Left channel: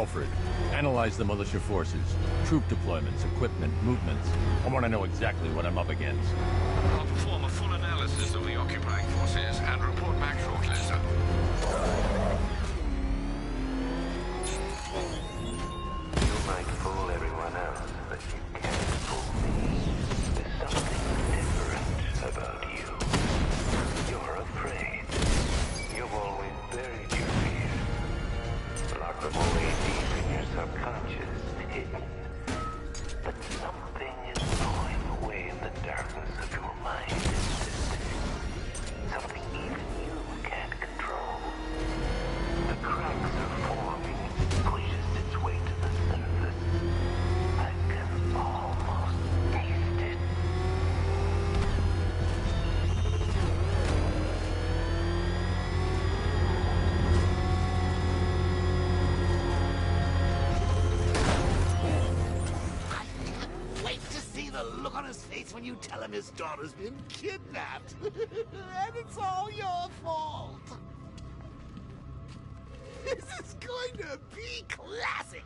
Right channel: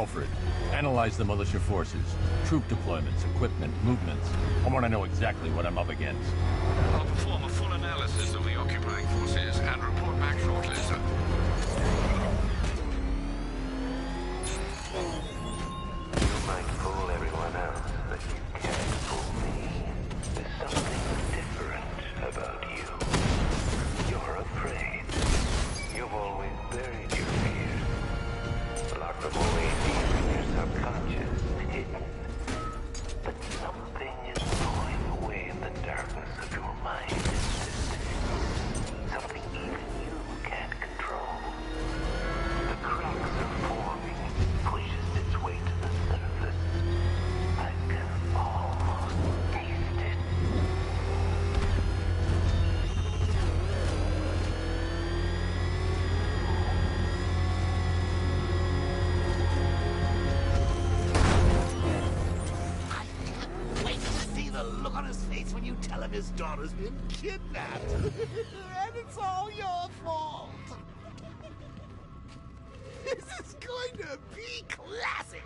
Alfred, analyze the militia forces, troop deployments, equipment, movements. I want to know exactly what I'm up against. I'll perform a full analysis of the occupying forces and report back shortly, sir. You might fool everyone else, but you can't fool me. There's something different about you. You're afraid. You've always buried your fears. Locked them away deep in your subconscious, hidden. But something is gnawing away in the darkness of your mind, something even you can't control. The cracks are forming as it pushes its way to the surface. I can almost taste it. The look on his face when you tell him his daughter's been kidnapped. And it's all your fault. This is going to be classic.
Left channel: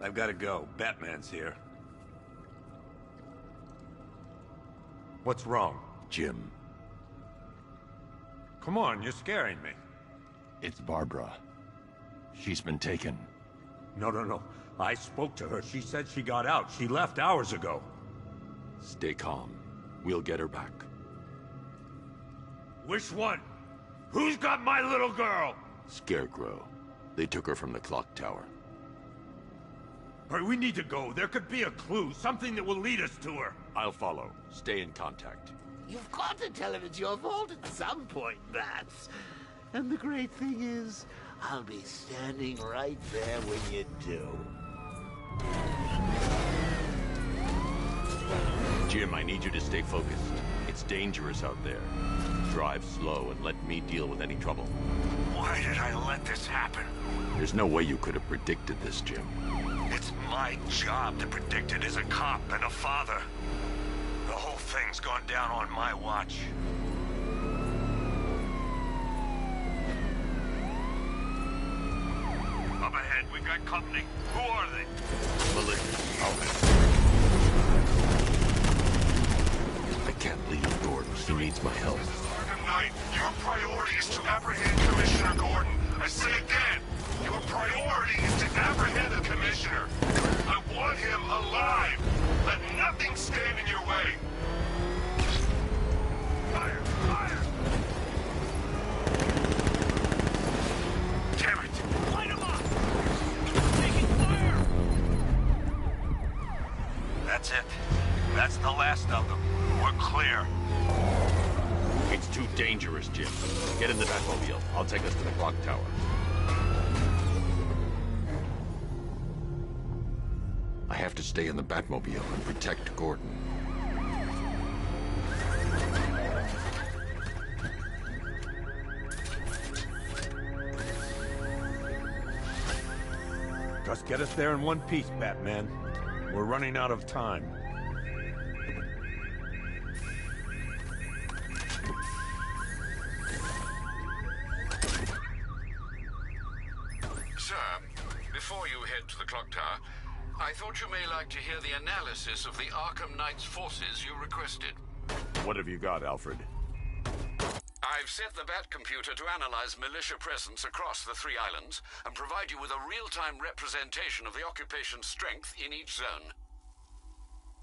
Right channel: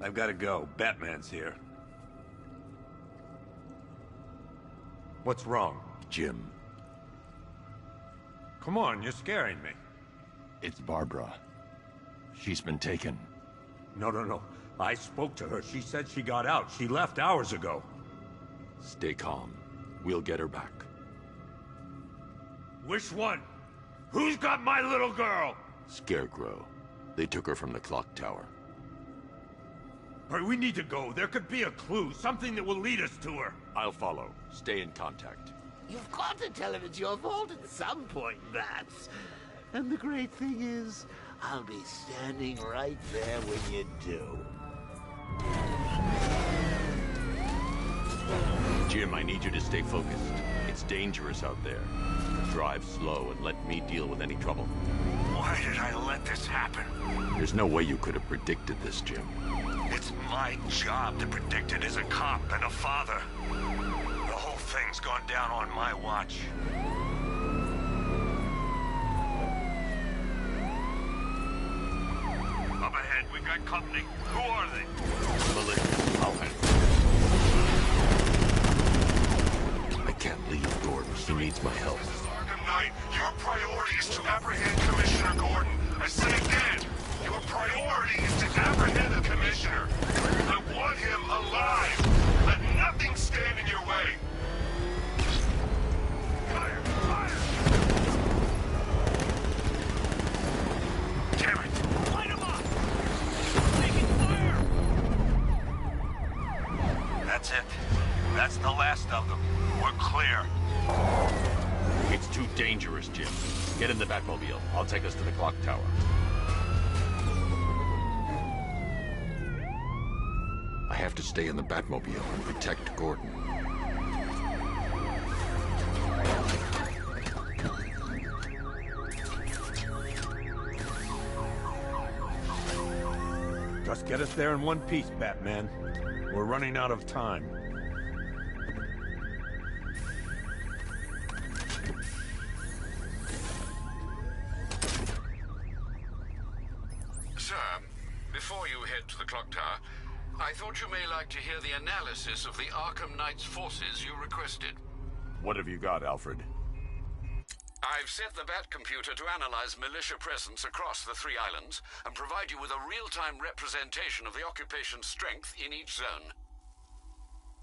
I've got to go. Batman's here. What's wrong? Jim, Come on, you're scaring me. it's Barbara. She's been taken. No. I spoke to her. She said she got out. She left hours ago. Stay calm. We'll get her back. Which one? Who's got my little girl? Scarecrow. They took her from the clock tower. All right, we need to go. There could be a clue, something that will lead us to her. I'll follow. Stay in contact. You've got to tell him it's your fault at some point, Bats. And the great thing is, I'll be standing right there when you do. Jim, I need you to stay focused. It's dangerous out there. Drive slow and let me deal with any trouble. Why did I let this happen? There's no way you could have predicted this, Jim. It's my job to predict it as a cop and a father. The whole thing's gone down on my watch. Up ahead, we've got company. Who are they? Militia. I'll handle it. I can't leave Gordon. He needs my help. Arkham Knight, your priority is to apprehend Commissioner Gordon. I say again, your priority is to apprehend the Commissioner. I want him alive. Let nothing stand in your way. Fire! Fire! Damn it! Light him up! Taking fire! That's it. That's the last of them. We're clear. It's too dangerous, Jim. Get in the Batmobile. I'll take us to the clock tower. I have to stay in the Batmobile and protect Gordon. Just get us there in one piece, Batman. We're running out of time. Sir, before you head to the clock tower, I thought you may like to hear the analysis of the Arkham Knight's forces you requested. What have you got, Alfred? I've set the Bat computer to analyze militia presence across the 3 islands and provide you with a real-time representation of the occupation's strength in each zone.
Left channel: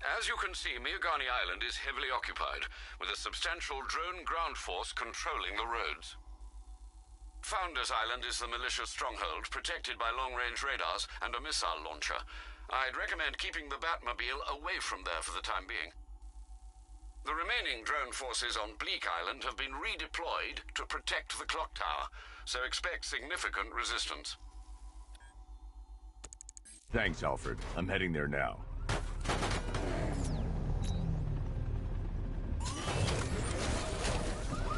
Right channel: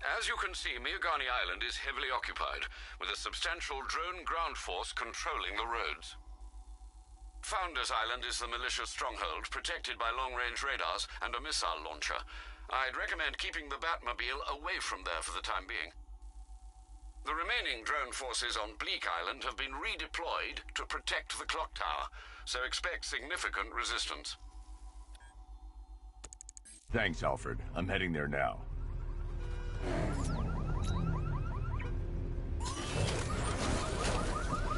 As you can see, Miagani Island is heavily occupied, with a substantial drone ground force controlling the roads. Founders Island is the militia stronghold, protected by long-range radars and a missile launcher. I'd recommend keeping the Batmobile away from there for the time being. The remaining drone forces on Bleak Island have been redeployed to protect the clock tower, so expect significant resistance. Thanks, Alfred. I'm heading there now.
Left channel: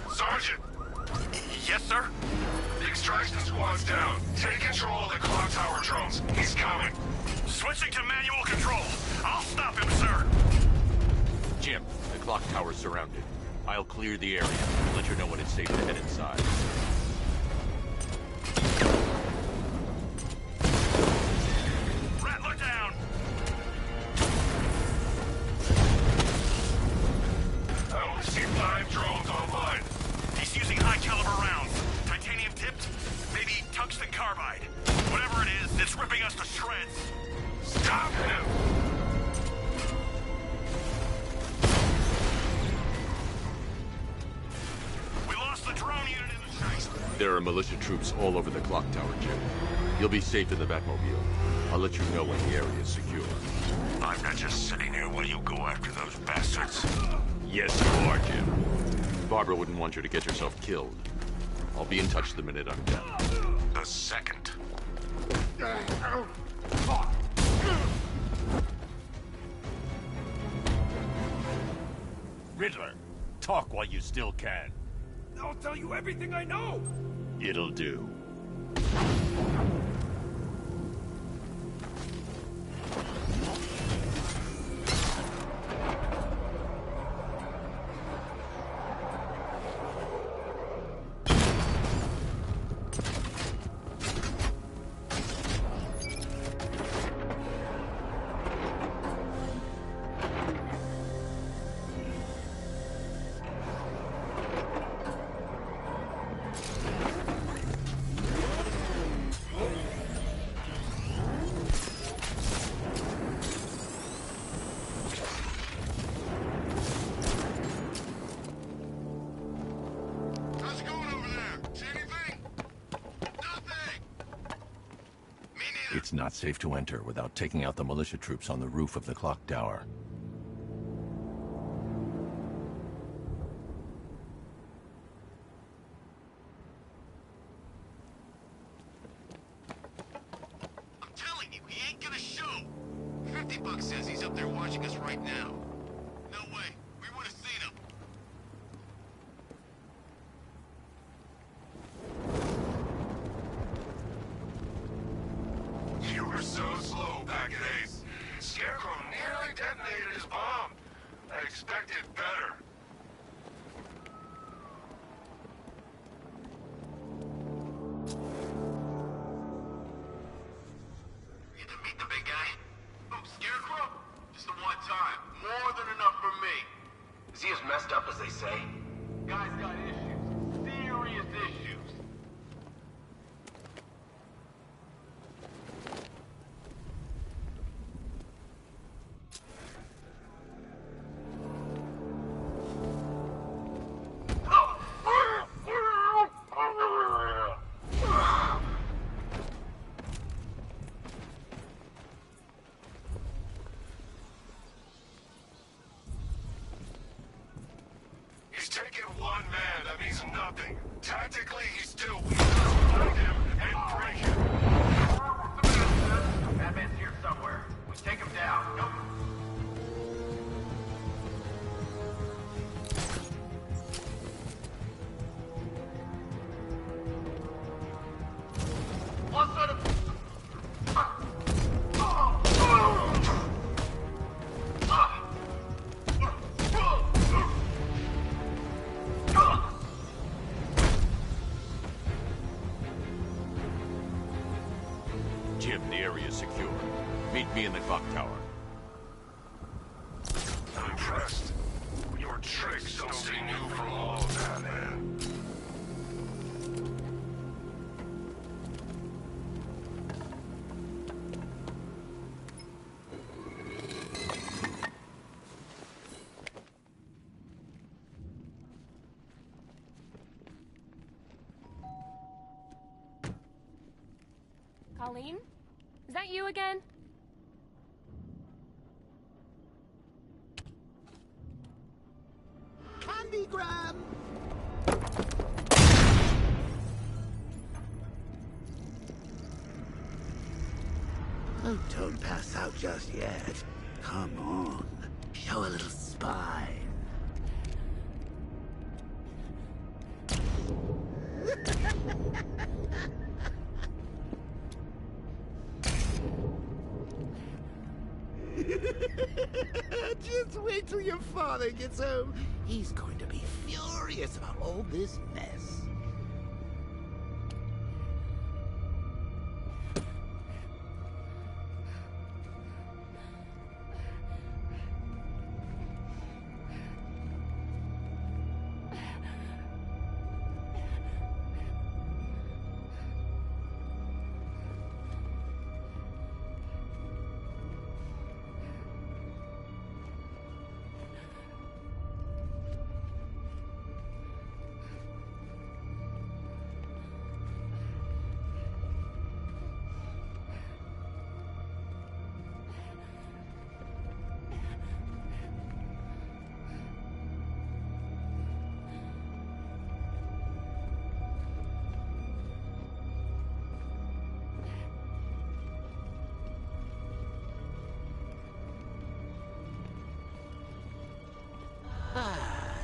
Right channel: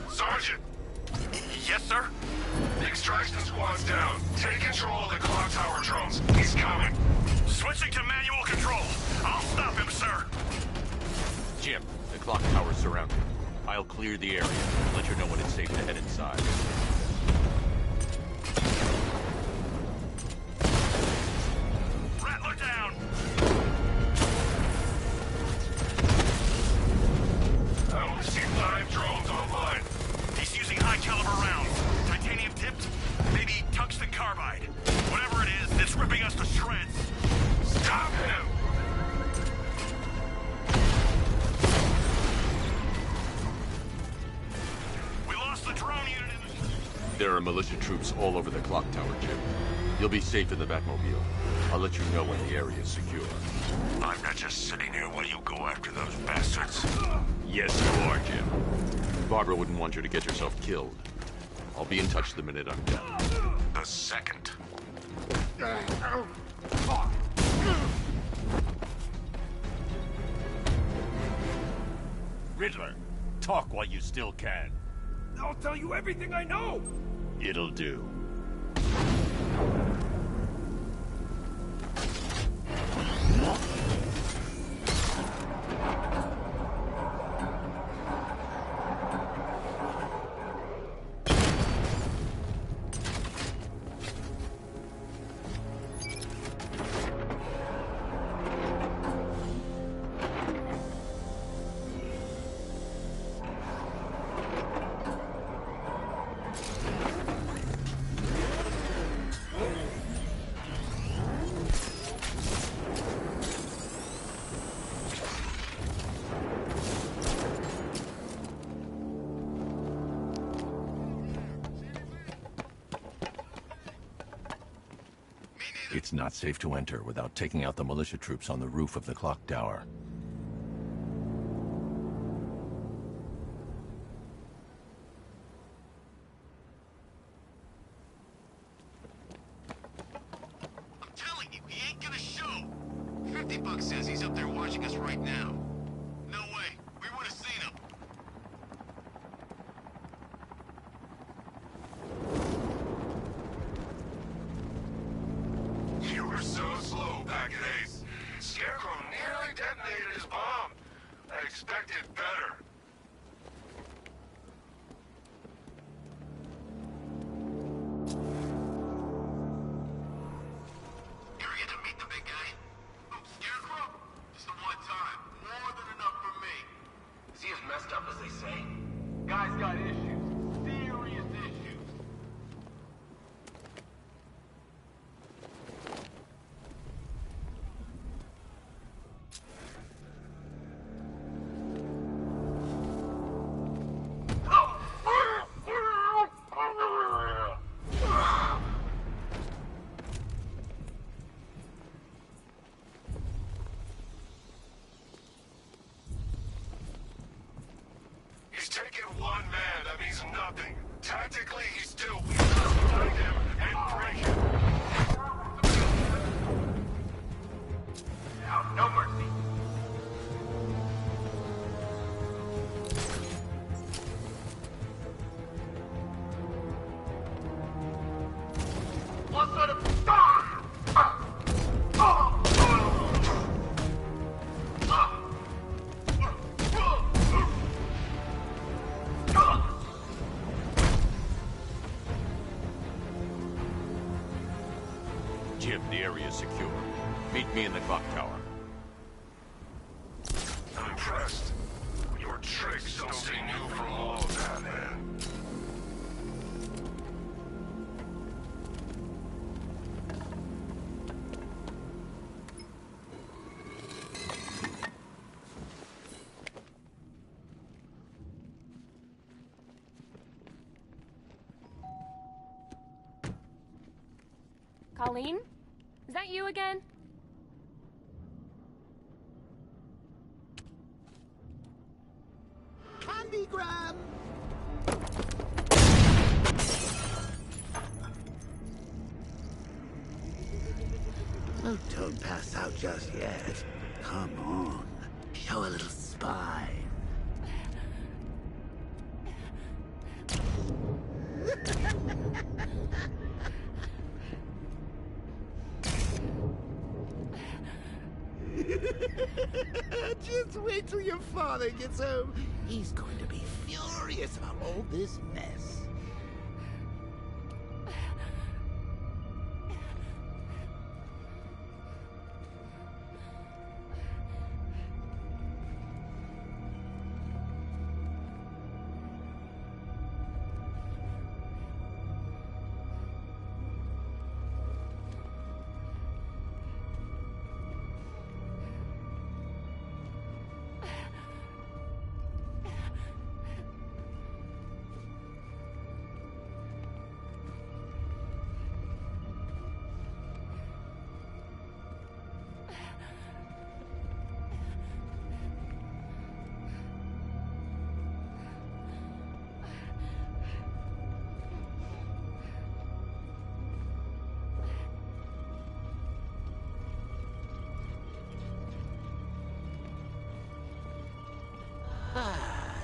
Sergeant! Yes, sir? The extraction squad's down. Take control of the clock tower drones. He's coming. Switching to manual control. I'll stop him, sir. Jim, the clock tower's surrounded. I'll clear the area and let you know when it's safe to head inside. shreds! Stop him! We lost the drone unit in the streets. There are militia troops all over the clock tower, Jim. You'll be safe in the Batmobile. I'll let you know when the area is secure. I'm not just sitting here while you go after those bastards. Yes, you are, Jim. Barbara wouldn't want you to get yourself killed. I'll be in touch the minute I'm done. The second. Riddler, talk while you still can. I'll tell you everything I know! It'll do. It's not safe to enter without taking out the militia troops on the roof of the clock tower. I'm telling you, he ain't gonna show. $50 says he's up there watching us right now. No way. We would have seen him. You were so slow back at Ace. Scarecrow nearly detonated his bomb. I expected better. You ever get to meet the big guy? Oh, Scarecrow? Just the one time. More than enough for me. Is he as messed up as they say? Guy's got issues. Serious issues. He's taken one man, that means nothing. Tactically, he's still weak. Let's find him and break him. That man's here somewhere. We take him down. No mercy. What sort of... Jim, the area is secure. Meet me in the clock tower. I'm impressed. Your tricks don't seem new from all of that, man. Colleen? Is that you again? Candygram! Oh, don't pass out just yet. Come on. Show a little spine. Just wait till your father gets home. He's going to be furious about all this mess.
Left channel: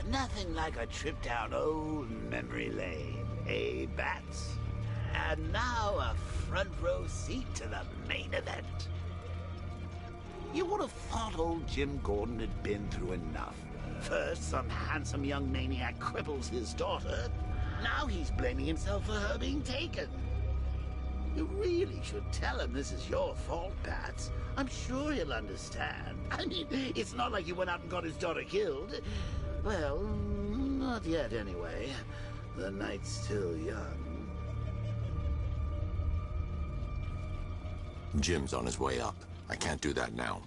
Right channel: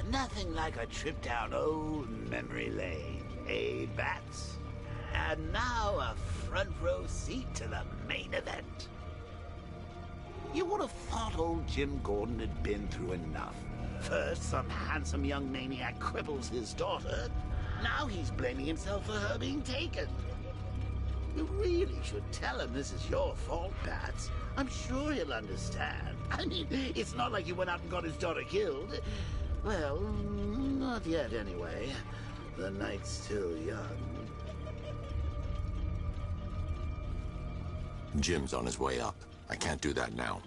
Nothing like a trip down old memory lane, eh, Bats? And now a front row seat to the main event. You would have thought old Jim Gordon had been through enough. First, some handsome young maniac cripples his daughter. Now he's blaming himself for her being taken. You really should tell him this is your fault, Bats. I'm sure he'll understand. I mean, it's not like you went out and got his daughter killed. Well, not yet anyway. The night's still young. Jim's on his way up. I can't do that now.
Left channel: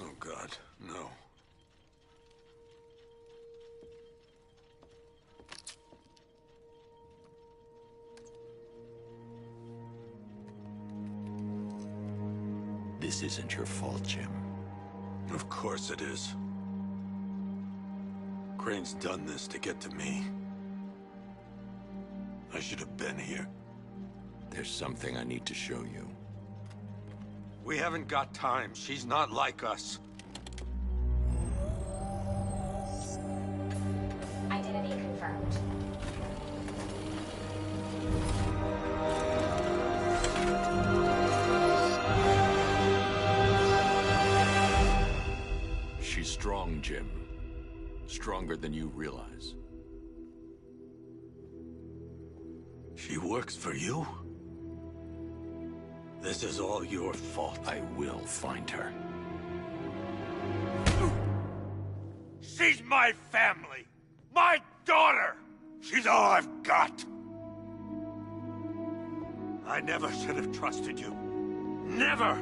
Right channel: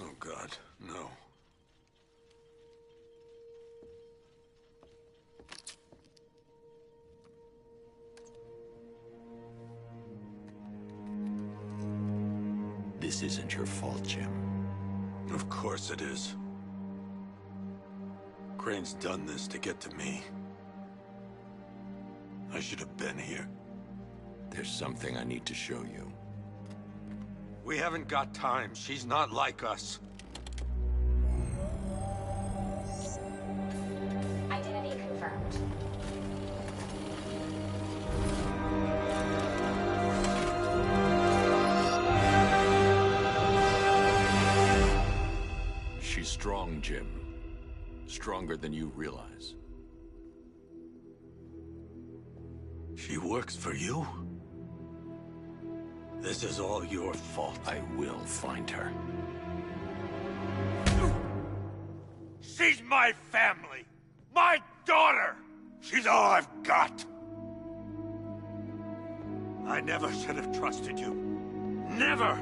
Oh, God, no. This isn't your fault, Jim. Of course it is. Crane's done this to get to me. I should have been here. There's something I need to show you. We haven't got time. She's not like us. Identity confirmed. She's strong, Jim. Stronger than you realize. She works for you? This is all your fault. I will find her. She's my family! My daughter! She's all I've got! I never should have trusted you. Never!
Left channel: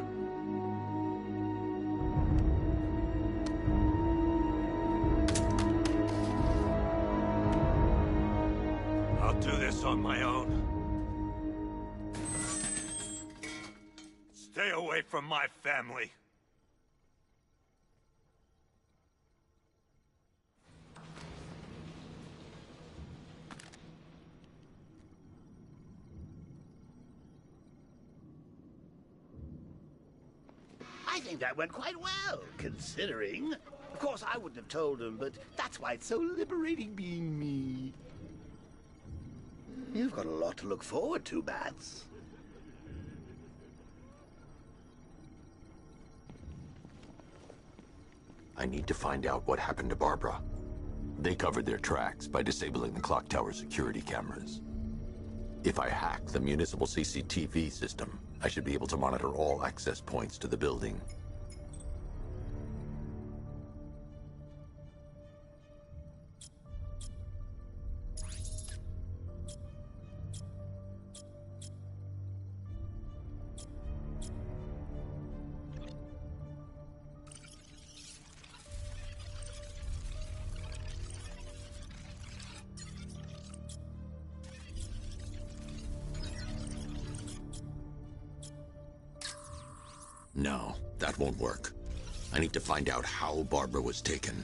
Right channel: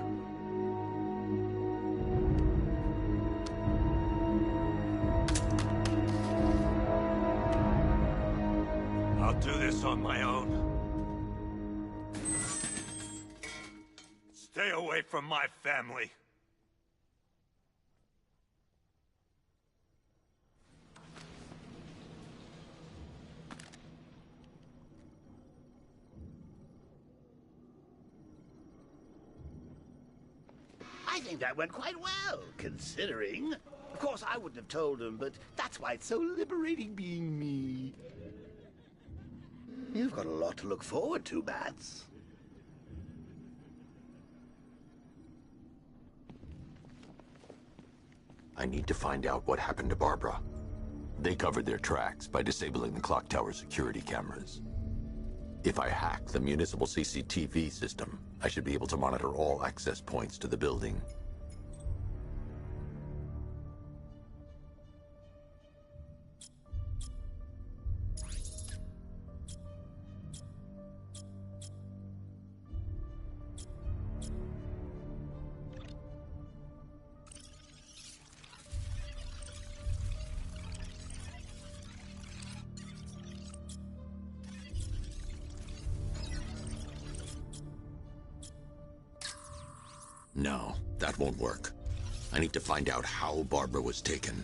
I'll do this on my own. Stay away from my family. I think that went quite well, considering. Of course, I wouldn't have told him, but that's why it's so liberating being me. You've got a lot to look forward to, Bats. I need to find out what happened to Barbara. They covered their tracks by disabling the clock tower security cameras. If I hack the municipal CCTV system, I should be able to monitor all access points to the building. No, that won't work. I need to find out how Barbara was taken.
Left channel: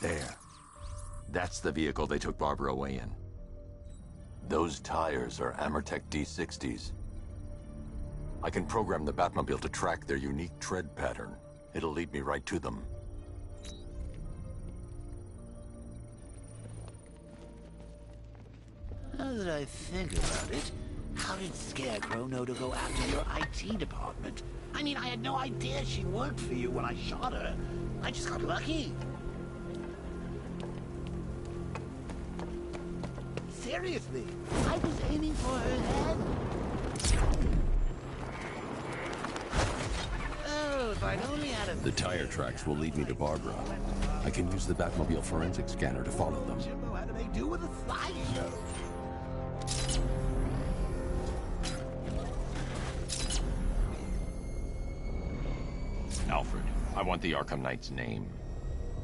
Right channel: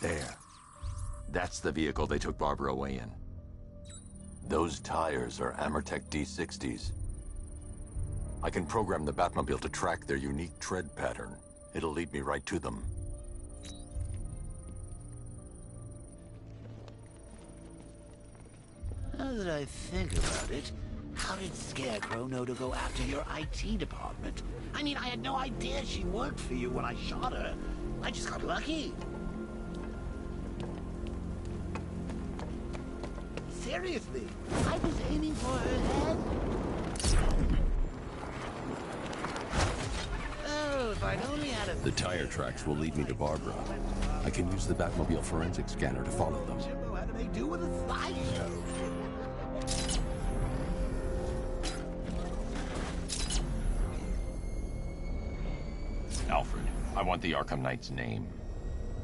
There. That's the vehicle they took Barbara away in. Those tires are Amertech D60s. I can program the Batmobile to track their unique tread pattern. It'll lead me right to them. Now that I think about it, how did Scarecrow know to go after your IT department? I mean, I had no idea she worked for you when I shot her. I just got lucky. Seriously, I was aiming for her head. Oh, if I'd only had a... The tire tracks will lead me to Barbara. I can use the Batmobile forensic scanner to follow them. Jimbo had to make do with a slideshow. Alfred, I want the Arkham Knight's name.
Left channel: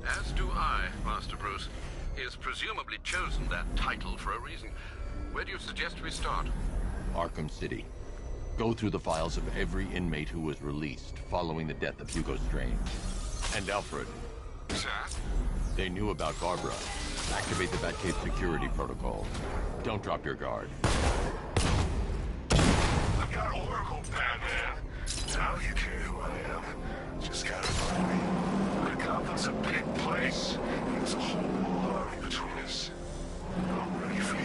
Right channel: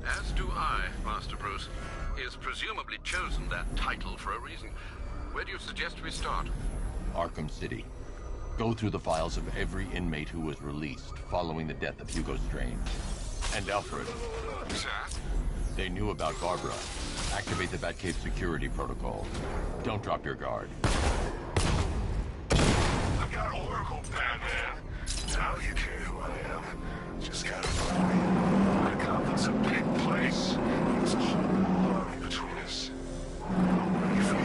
As do I, Master Bruce. He has presumably chosen that title for a reason. Where do you suggest we start? Arkham City. Go through the files of every inmate who was released following the death of Hugo Strange. And Alfred. Sir? They knew about Barbara. Activate the Batcave security protocol. Don't drop your guard. I've got Oracle, Batman. Now you care who I am. Just gotta find me. Gotham's a big place. There's a whole lot between us. I'm ready for you.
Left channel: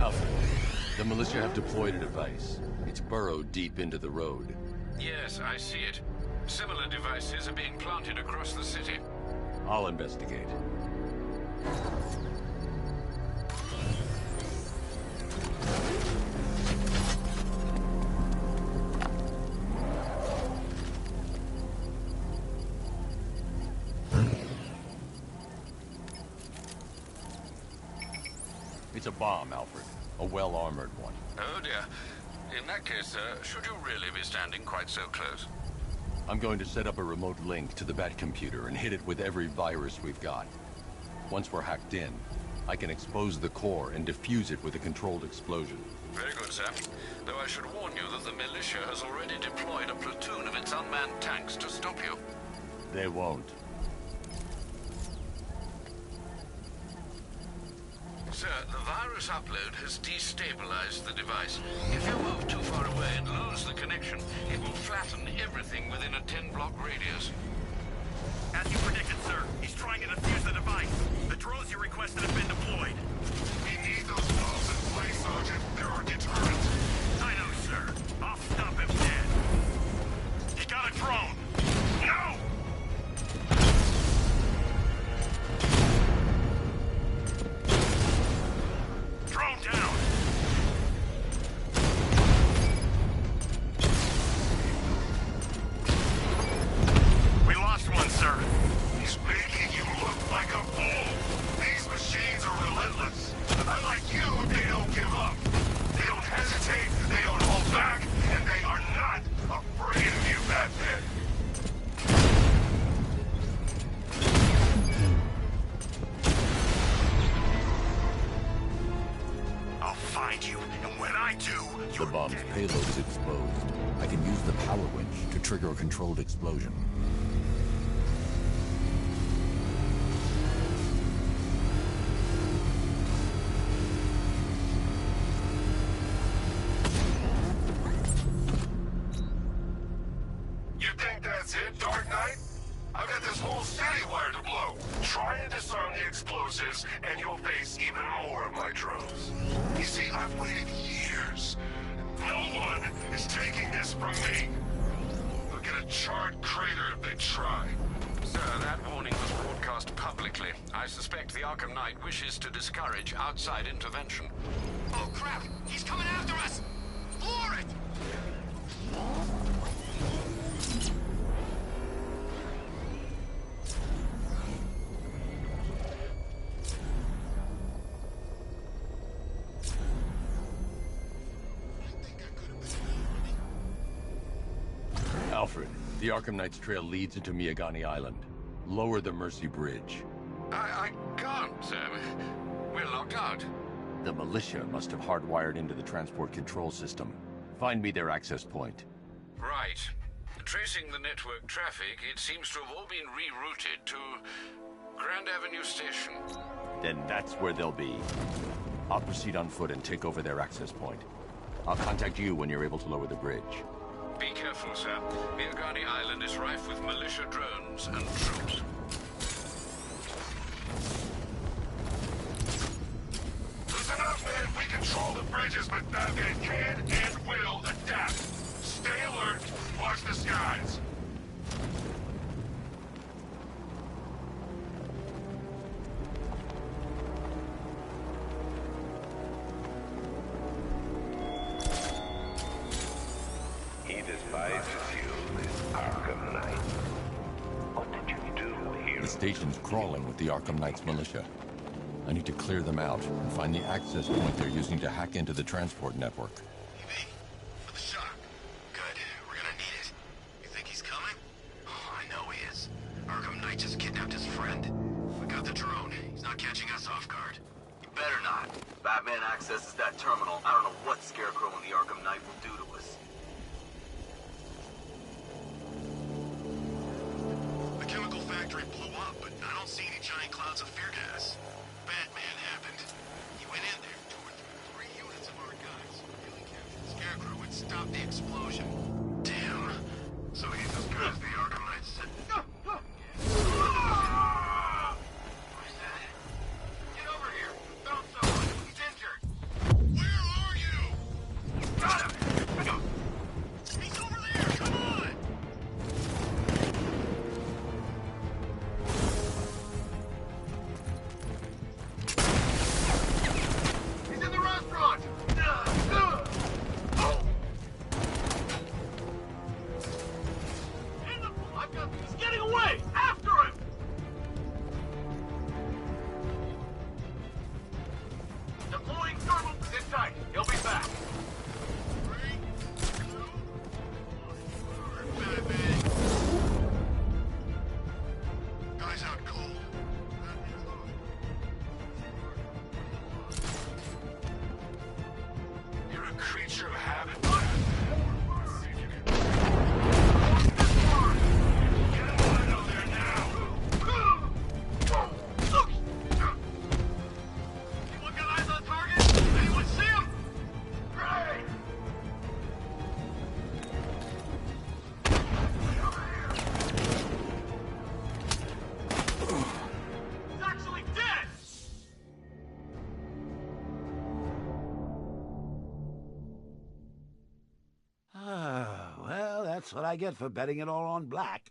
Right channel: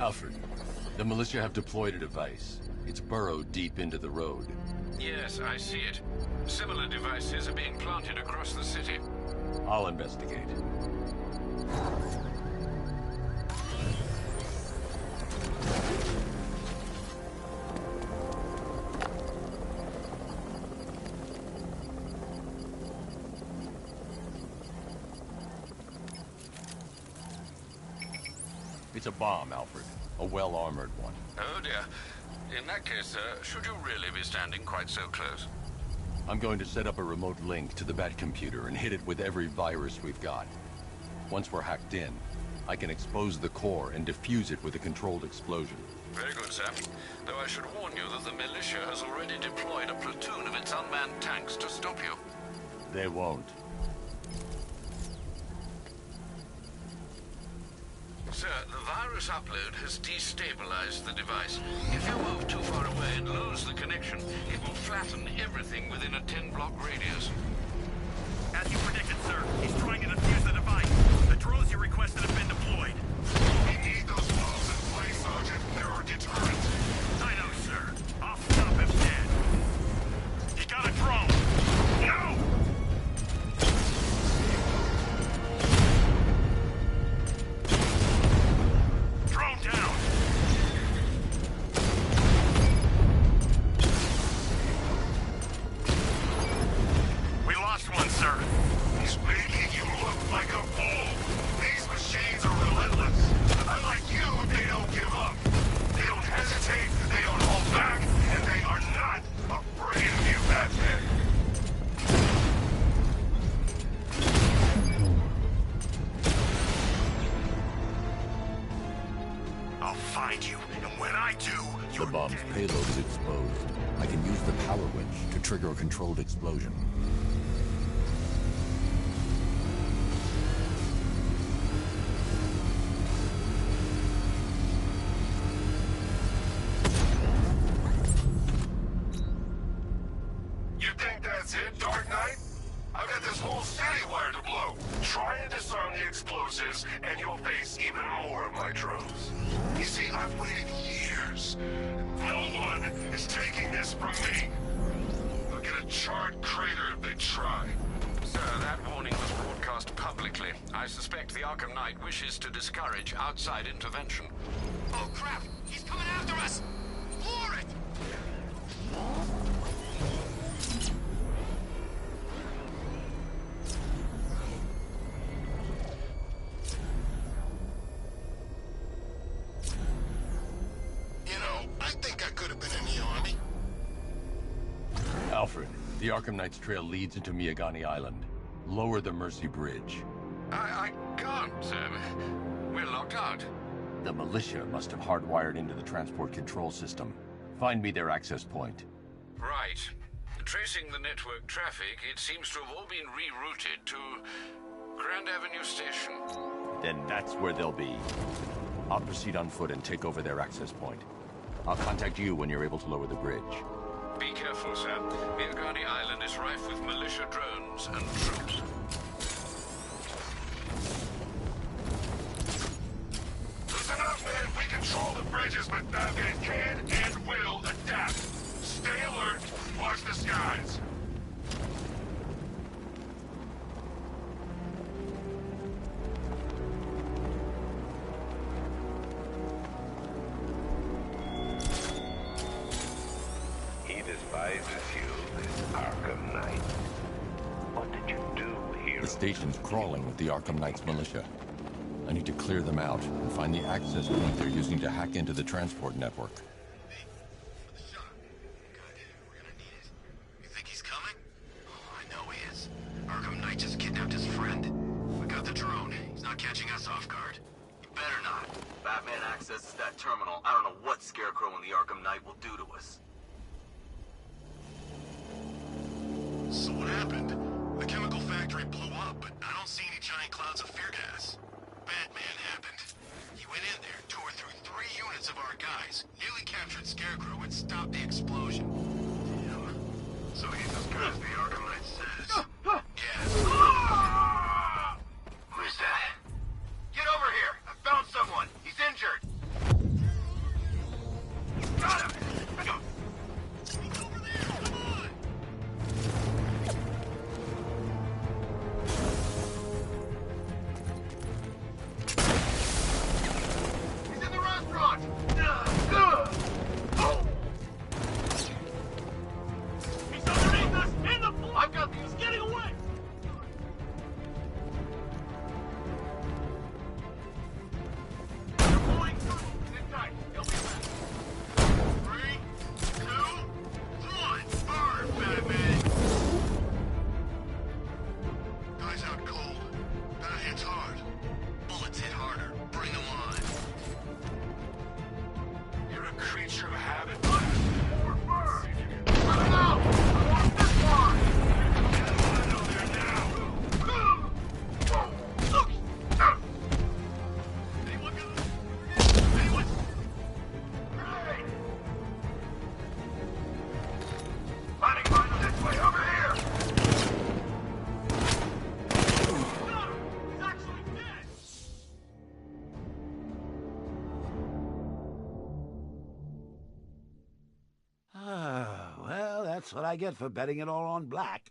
Alfred, the militia have deployed a device. It's burrowed deep into the road. Yes, I see it. Similar devices are being planted across the city. I'll investigate. It's a bomb, Alfred. A well-armored one. Oh dear. In that case, should you really be standing quite so close? I'm going to set up a remote link to the Batcomputer and hit it with every virus we've got. Once we're hacked in, I can expose the core and defuse it with a controlled explosion. Very good, sir. Though I should warn you that the militia has already deployed a platoon of its unmanned tanks to stop you. They won't. Sir, the virus upload has destabilized the device. If you move too far away and lose the connection, it will flatten everything within a 10-block radius. As you predicted, sir, he's trying to defuse the device. The drones you requested have been deployed. We need those bombs in place, Sergeant. They're our deterrent. I know, sir. I'll stop him dead. He got a drone. No! Drone down! We lost one, sir. He's making you look like a fool. These machines are relentless. Unlike you, they don't give up. They don't hesitate, they don't hold back, and they are not afraid of you, Batman. I'll find you, and when I do, The you're bomb's dead. payload is exposed. I can use the power winch to trigger a controlled explosion. You think that's it, Dark Knight? I've got this whole city wired to blow. Try and disarm the explosives, and you'll face even more of my drones. You see, I've waited years. No one is taking this from me. They'll get a charred crater if they try. Sir, that warning was broadcast publicly. I suspect the Arkham Knight wishes to discourage outside intervention. Oh, crap! He's coming after us! Floor it! You know, I think I could have been in the army. Alfred, the Arkham Knight's trail leads into Miagani Island. Lower the Mercy Bridge. I can't, sir. We're locked out. The militia must have hardwired into the transport control system. Find me their access point. Right. Tracing the network traffic, it seems to have all been rerouted to Grand Avenue Station. then that's where they'll be. I'll proceed on foot and take over their access point. I'll contact you when you're able to lower the bridge. Be careful, sir. Miagani Island is rife with militia drones and troops. Listen up, man. We control the bridges, but Batman can and will adapt. Stay alert. Watch the skies. He despises you, this Arkham Knight. What did you do here? The station's crawling with the Arkham Knight's militia. I need to clear them out and find the access point they're using to hack into the transport network. For the shock. Good. We're gonna need it. You think he's coming? Oh, I know he is. Arkham Knight just kidnapped his friend. We got the drone. He's not catching us off guard. You better not. Batman accesses that terminal. I don't know what Scarecrow and the Arkham Knight will do to us. So what happened? The chemical factory blew up, but I don't see any giant clouds of fear gas. Batman happened. He went in there, tore through 3 units of our guys, nearly captured Scarecrow, and stopped the explosion. Damn. So he's as good as the Arkham Knight says. Yes. Who's that? Get over here! I found someone! He's injured! Where are you? Got him! He's over there! Come on! He's in the restaurant! He's underneath us! In the floor! I've got these! Getting away! After him! Deploying thermal! Sit tight! He'll be back! 3, 2, 1! Fire, Batman! Guy's out cold. That hits hard. Bullets hit harder. Bring them on. You're a creature of habit, Batman. See if you can... Get him out of there now! Anyone got eyes on target? Anyone see him? Great! Finding fire this way, over here! He's actually dead! Well, that's what I get for betting it all on black.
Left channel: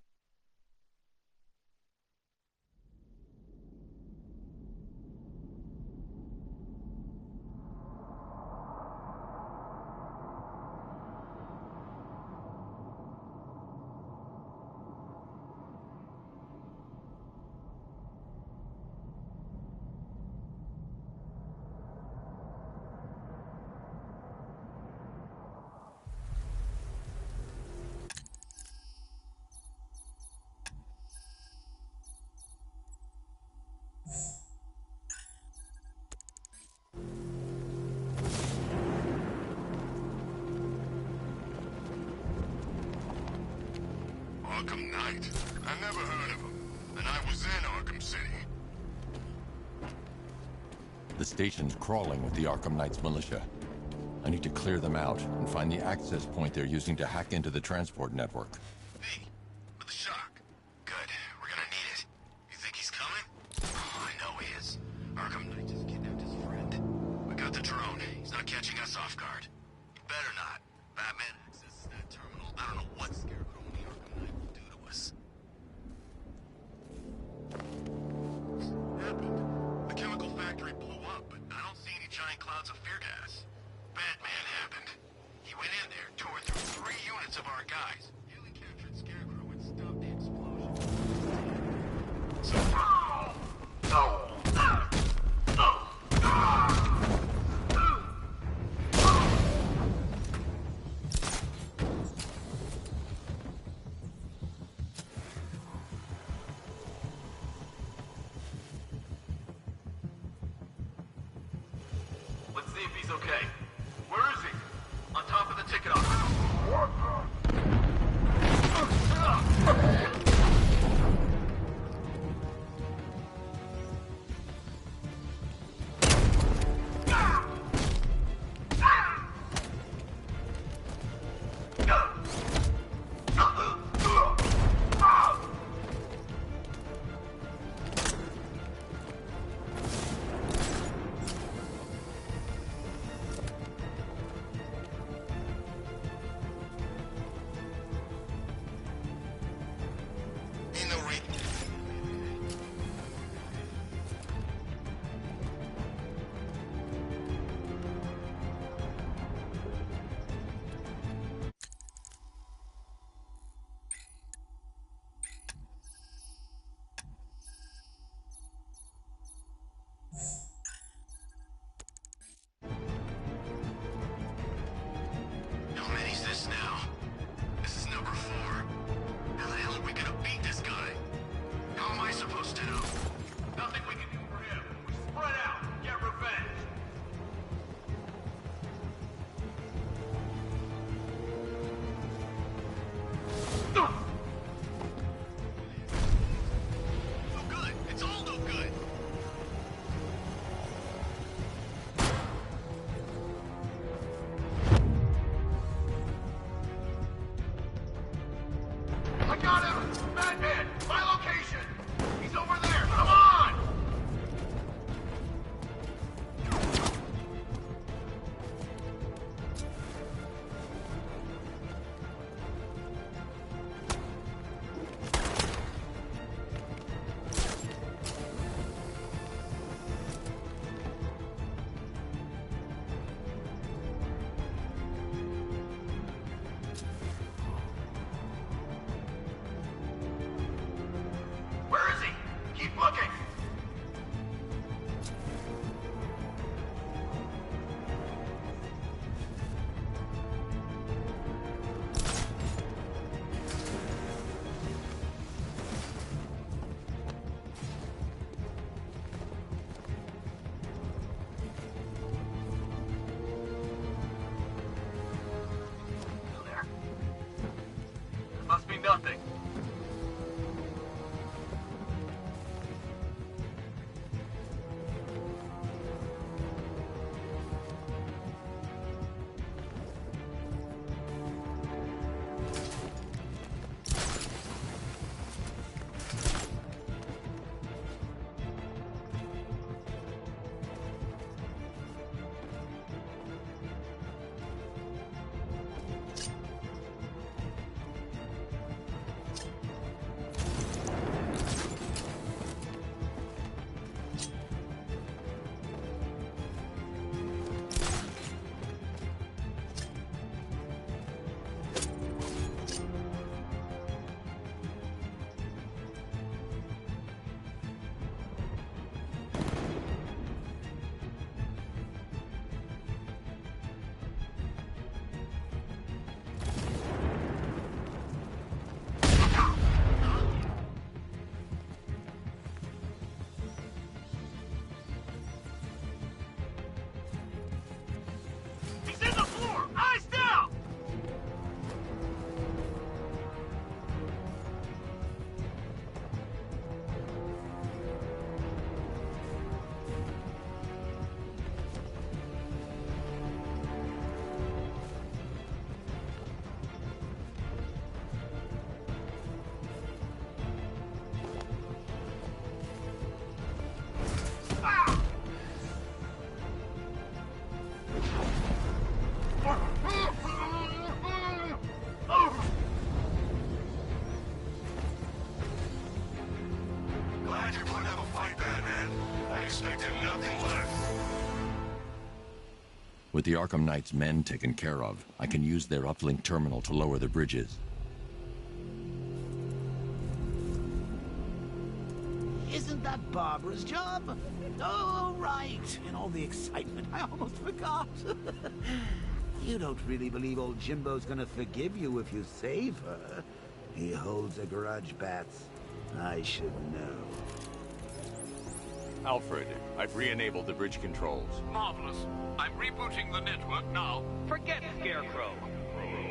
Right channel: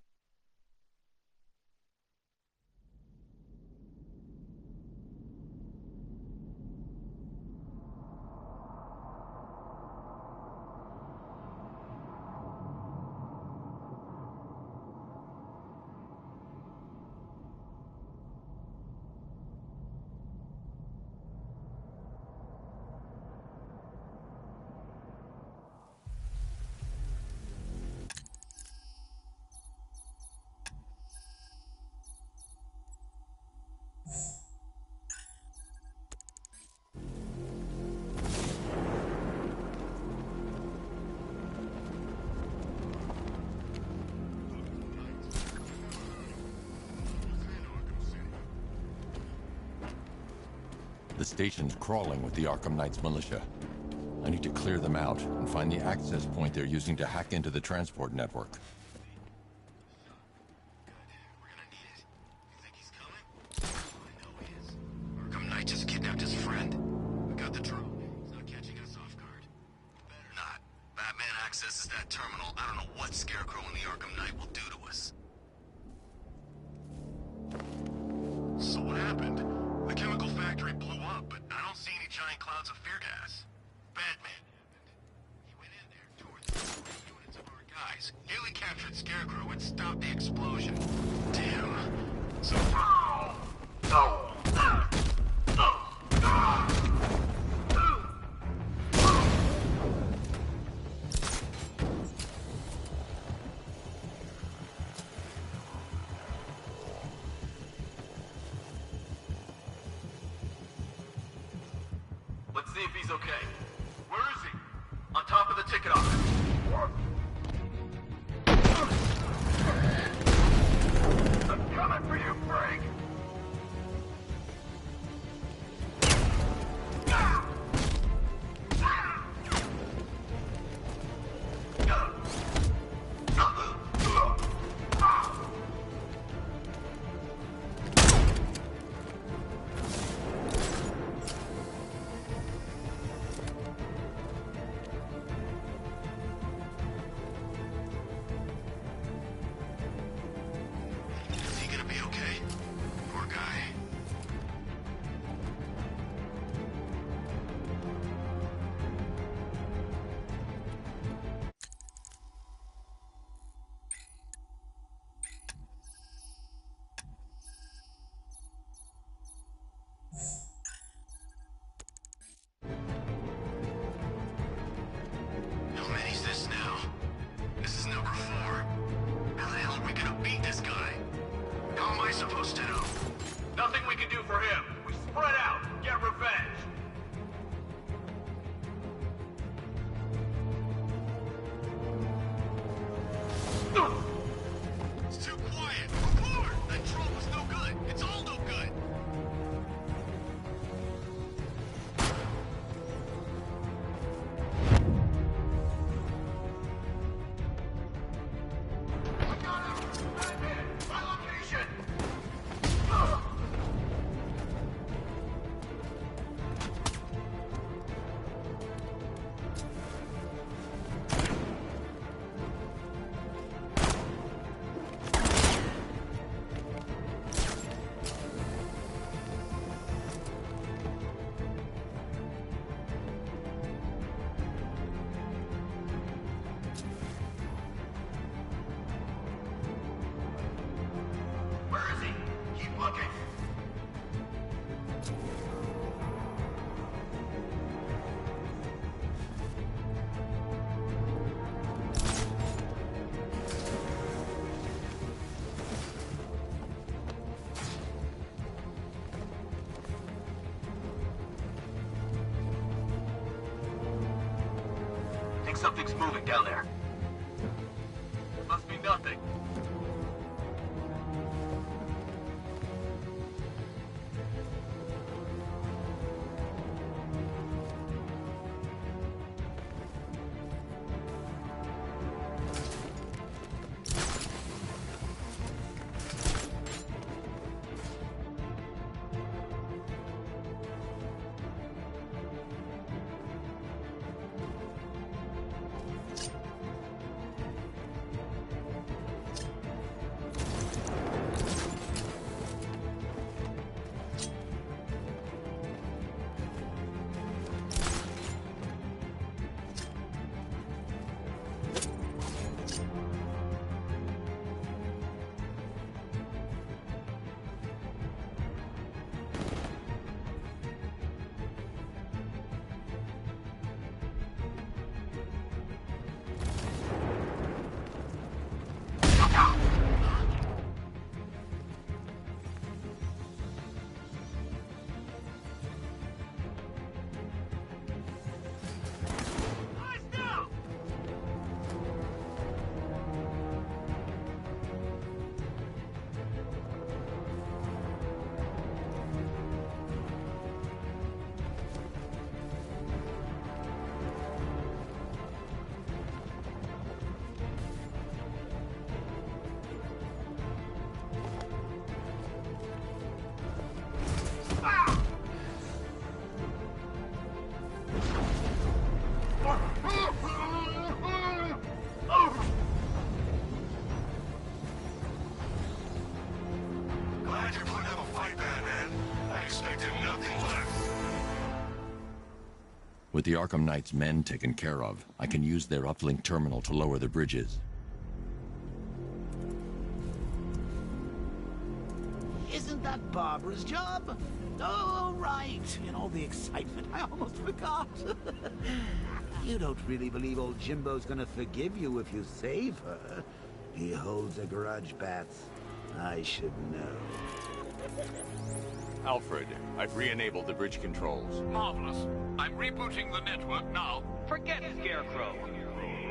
Arkham Knight? I never heard of him. And I was in Arkham City. The station's crawling with the Arkham Knight's militia. I need to clear them out and find the access point they're using to hack into the transport network. V, for the shock. Good. We're gonna need it. You think he's coming? Oh, I know he is. Arkham Knight just kidnapped his friend. We got the drone. He's not catching us off guard. You better not. Batman accesses that terminal. I don't know what Scarecrow and the Arkham Knight will do to us. So what happened? The chemical factory blew up, but I don't see any giant clouds of fear gas. Batman happened. He went in there, tore through 3 units of our guys, nearly captured Scarecrow, and stopped the explosion. Damn. So... Let's see if he's okay. Where is he? On top of the ticket office. I'm coming for you, Frank! something's moving down there. Must be nothing. Glad you're putting up a fight, Batman. I expected nothing less. With the Arkham Knight's men taken care of, I can use their uplink terminal to lower the bridges. Isn't that Barbara's job? Oh, right. In all the excitement, I almost forgot. You don't really believe old Jimbo's gonna forgive you if you save her. He holds a grudge, Bats. I should know. Alfred, I've re-enabled the bridge controls. Marvelous. I'm rebooting the network now. Forget Scarecrow.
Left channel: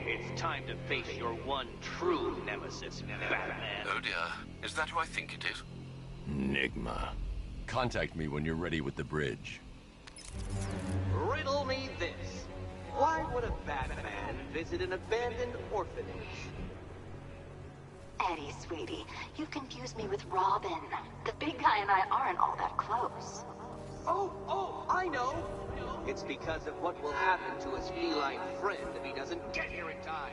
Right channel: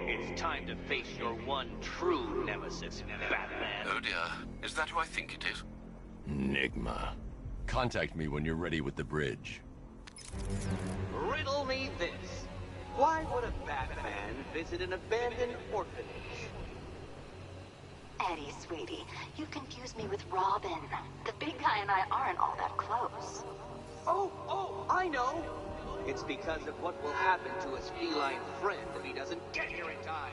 It's time to face your one true nemesis, Batman. Oh dear. Is that who I think it is? Enigma. Contact me when you're ready with the bridge. Riddle me this. Why would a Batman visit an abandoned orphanage? Eddie, sweetie, you confused me with Robin. The big guy and I aren't all that close. Oh, I know. It's because of what will happen to his feline friend if he doesn't get here in time.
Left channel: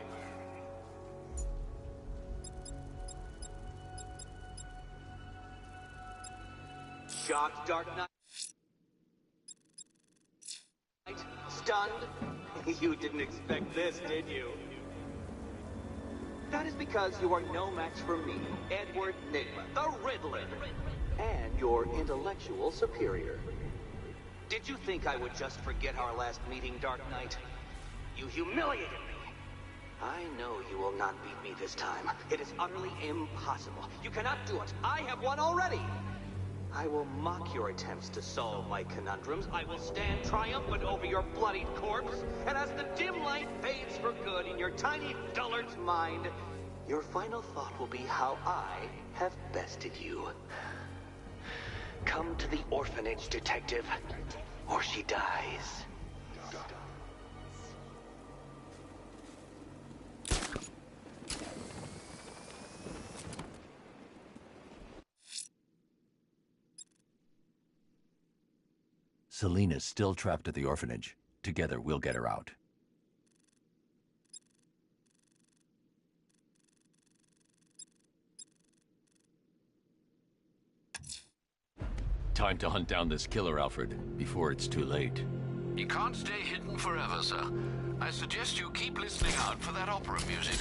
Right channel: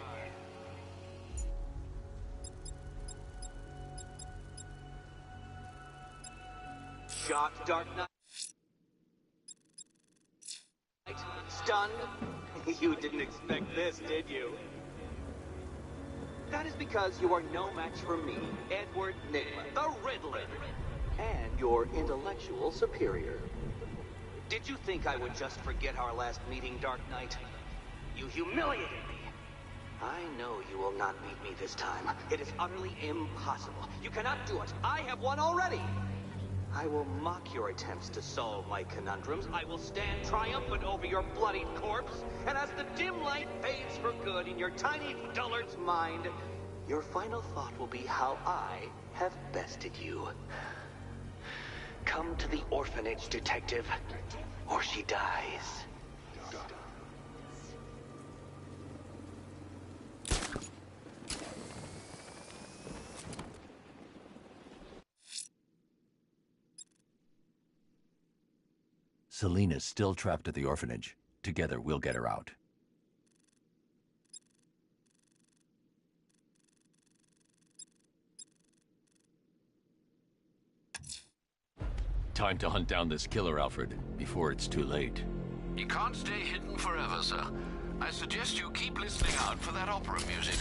Shocked, Dark Knight? Stunned? You didn't expect this, did you? That is because you are no match for me, Edward Nigma, the Riddler, and your intellectual superior. Did you think I would just forget our last meeting, Dark Knight? You humiliated me. I know you will not beat me this time. It is utterly impossible. You cannot do it. I have won already. I will mock your attempts to solve my conundrums. I will stand triumphant over your bloodied corpse. And as the dim light fades for good in your tiny dullard's mind, your final thought will be how I have bested you. Come to the orphanage, detective, or she dies. Selina's still trapped at the orphanage. Together, we'll get her out. Time to hunt down this killer, Alfred, before it's too late. You can't stay hidden forever, sir. I suggest you keep listening out for that opera music.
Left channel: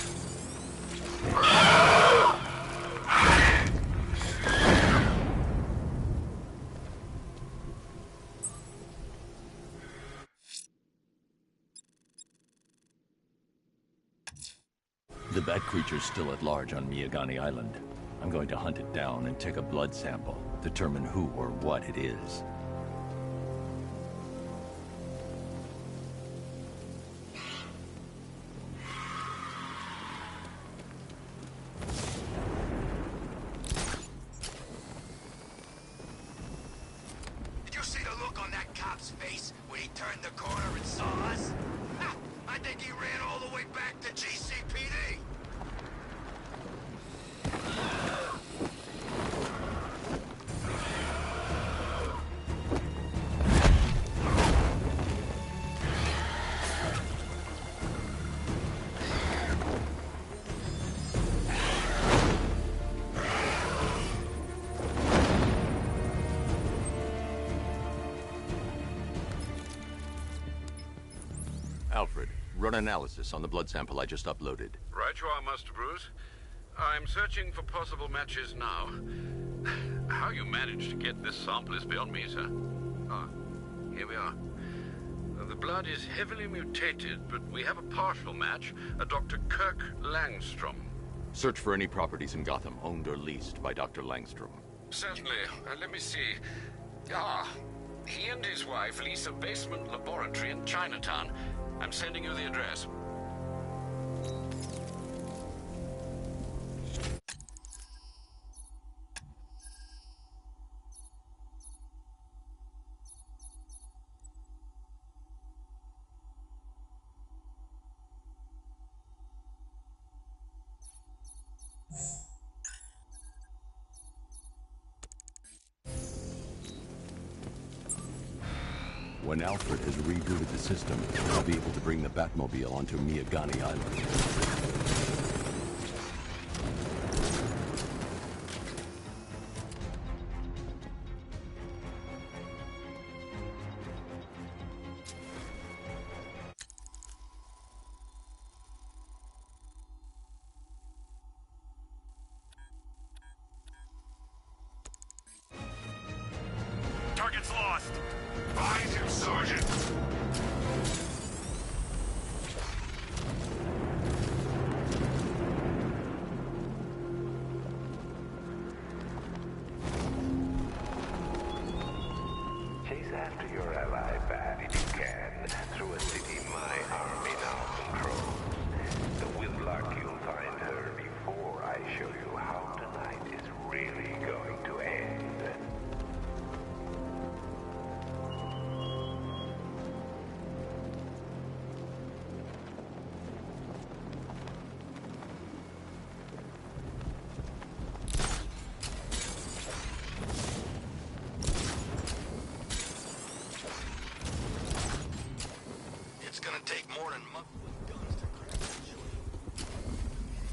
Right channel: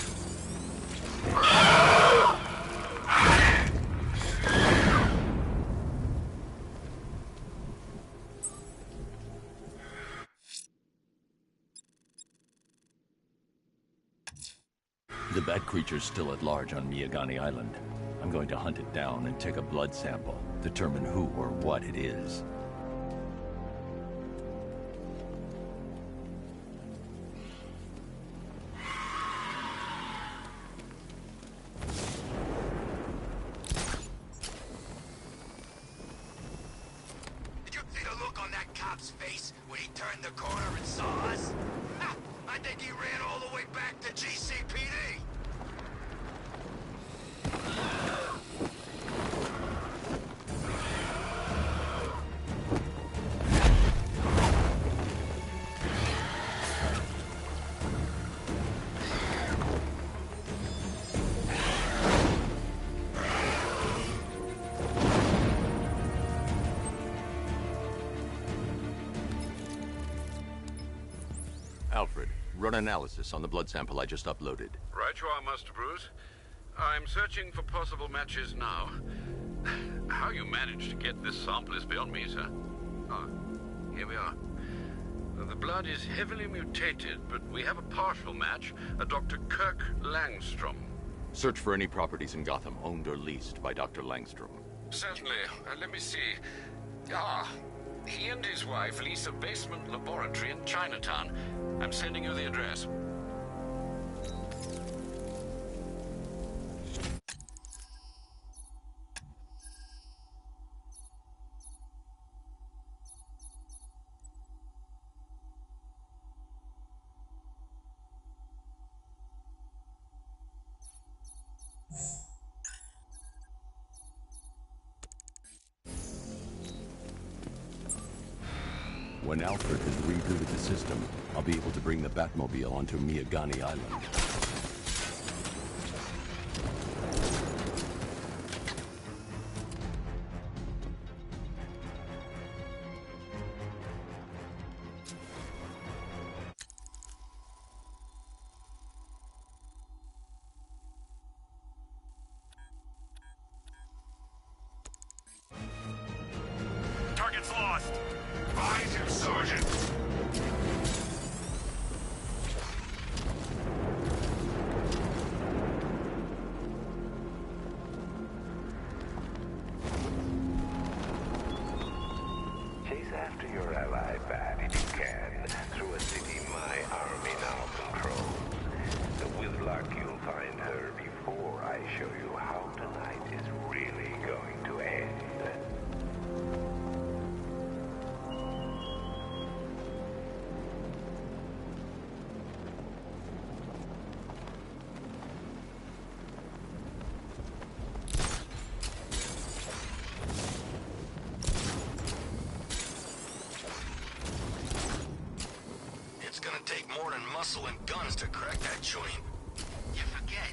The bat creature's still at large on Miyagani Island. I'm going to hunt it down and take a blood sample, determine who or what it is. cop's face when he turned the corner and saw us? Ha! I think he ran all the way back to GCPD. Alfred, run analysis on the blood sample I just uploaded. Right you are, Master Bruce. I'm searching for possible matches now. How you managed to get this sample is beyond me, sir. Ah, here we are. The blood is heavily mutated, but we have a partial match, a Dr. Kirk Langstrom. Search for any properties in Gotham owned or leased by Dr. Langstrom. Certainly. Let me see. Ah, he and his wife lease a basement laboratory in Chinatown. I'm sending you the address. When Alfred has rebooted the system, I'll be able to bring the Batmobile onto Miyagani Island. Target's lost! Find him, Sergeant! Chase after your ally, Bat, if you can, through a city my army now controls. With luck, you'll find her before I show you how tonight is really going to end. It's gonna take more than muscle and guns to crack that joint. You forget.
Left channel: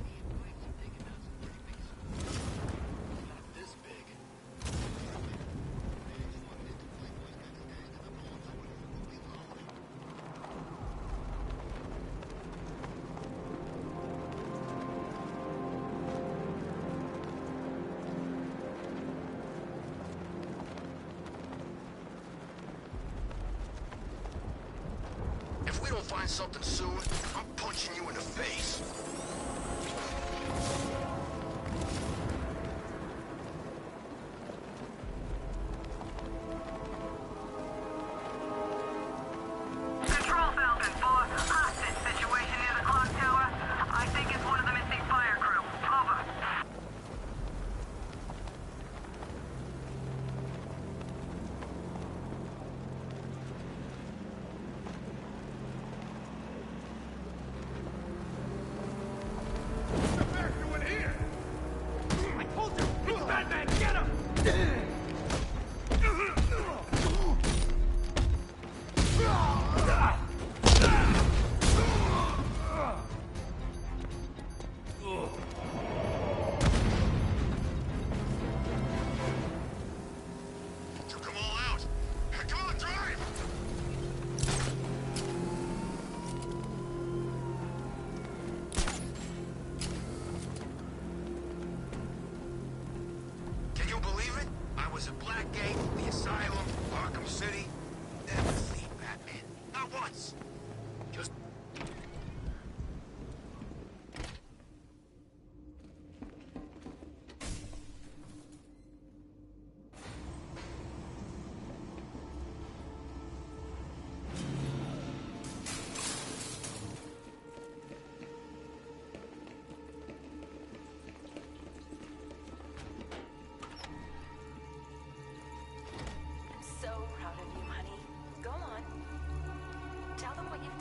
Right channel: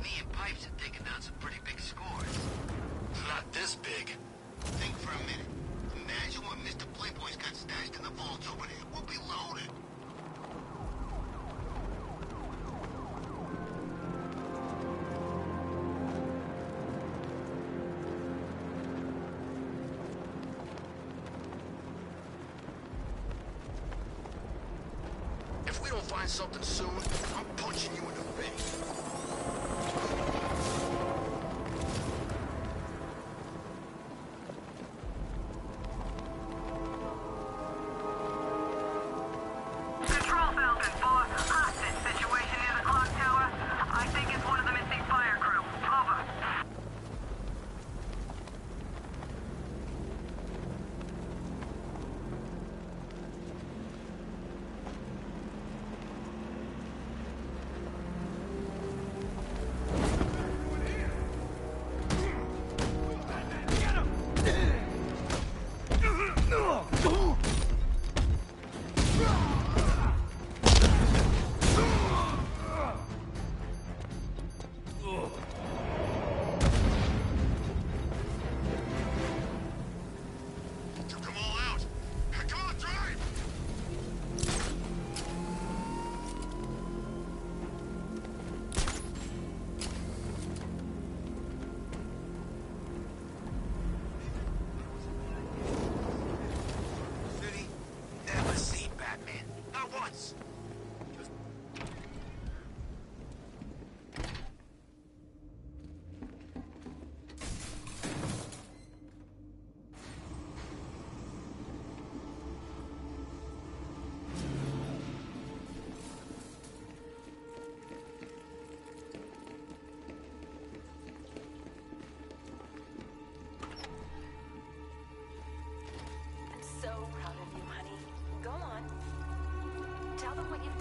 Me and Pipes have taken down some pretty big scores. Not this big. Think for a minute. Imagine what Mr. Playboy's got stashed in the vaults over there. We'll be loaded. If we don't find something soon, I'm punching you in the face. Control Falcon 4, hostage situation near the clock tower. I think it's one of the missing fire crew. Over.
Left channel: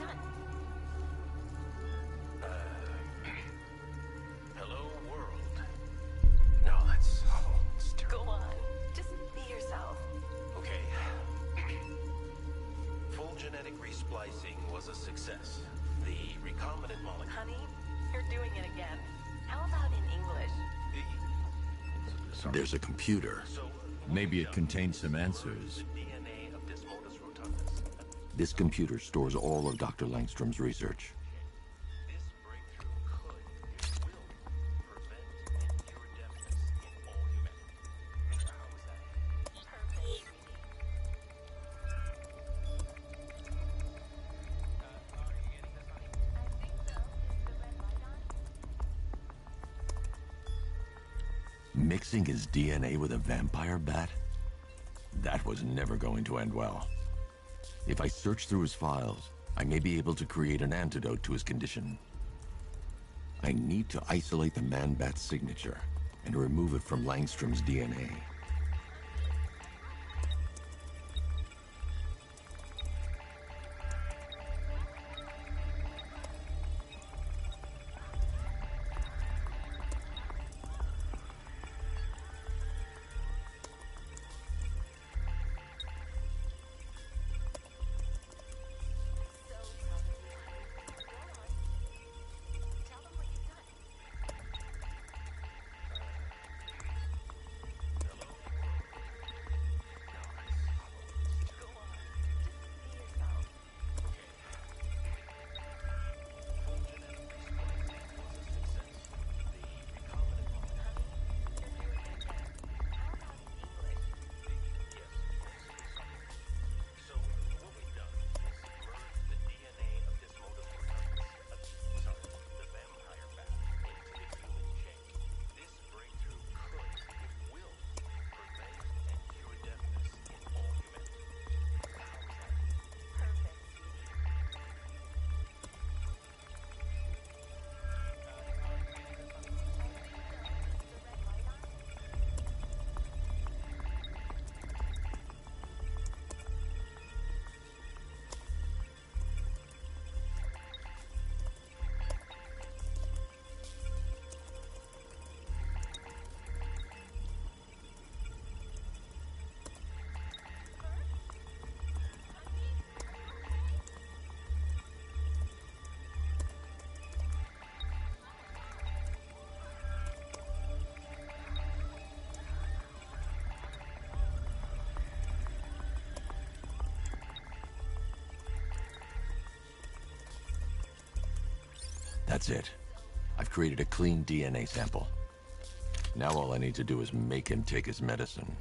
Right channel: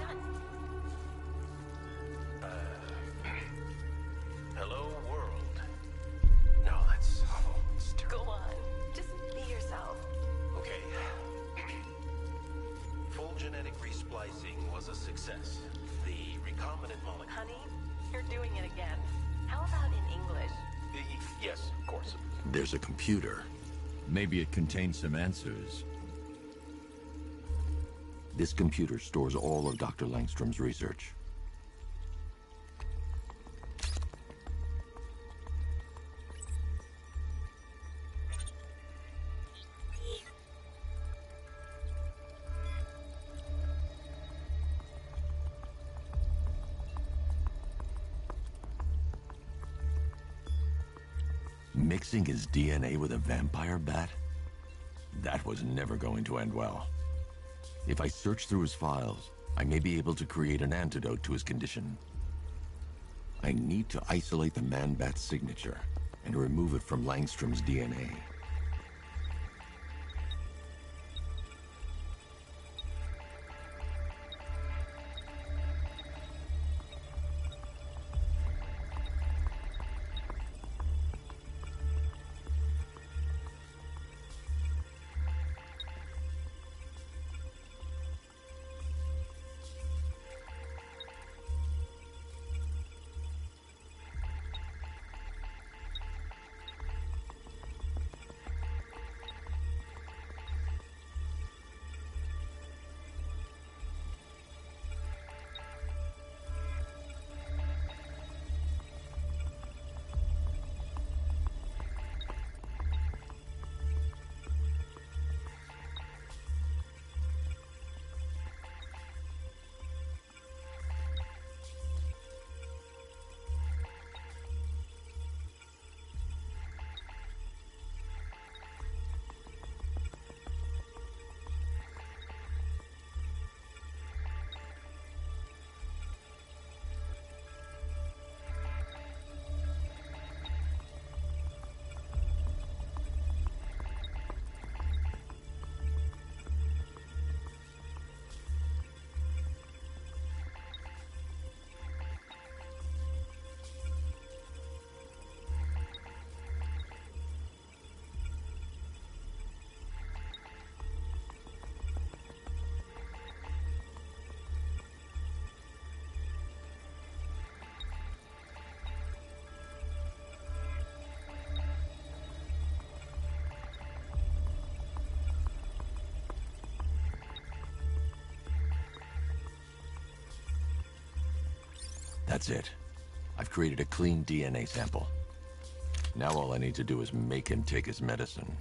done? Hello, world. No, that's... Oh, it's terrible. Go on. Just be yourself. Okay. Full genetic resplicing was a success. The recombinant molecule... Honey, you're doing it again. How about in English? Yes, of course. Sorry. There's a computer. Maybe it contains some answers. This computer stores all of Dr. Langstrom's research. Mixing his DNA with a vampire bat? That was never going to end well. If I search through his files, I may be able to create an antidote to his condition. I need to isolate the man-bat's signature and remove it from Langstrom's DNA. That's it. I've created a clean DNA sample. Now all I need to do is make him take his medicine.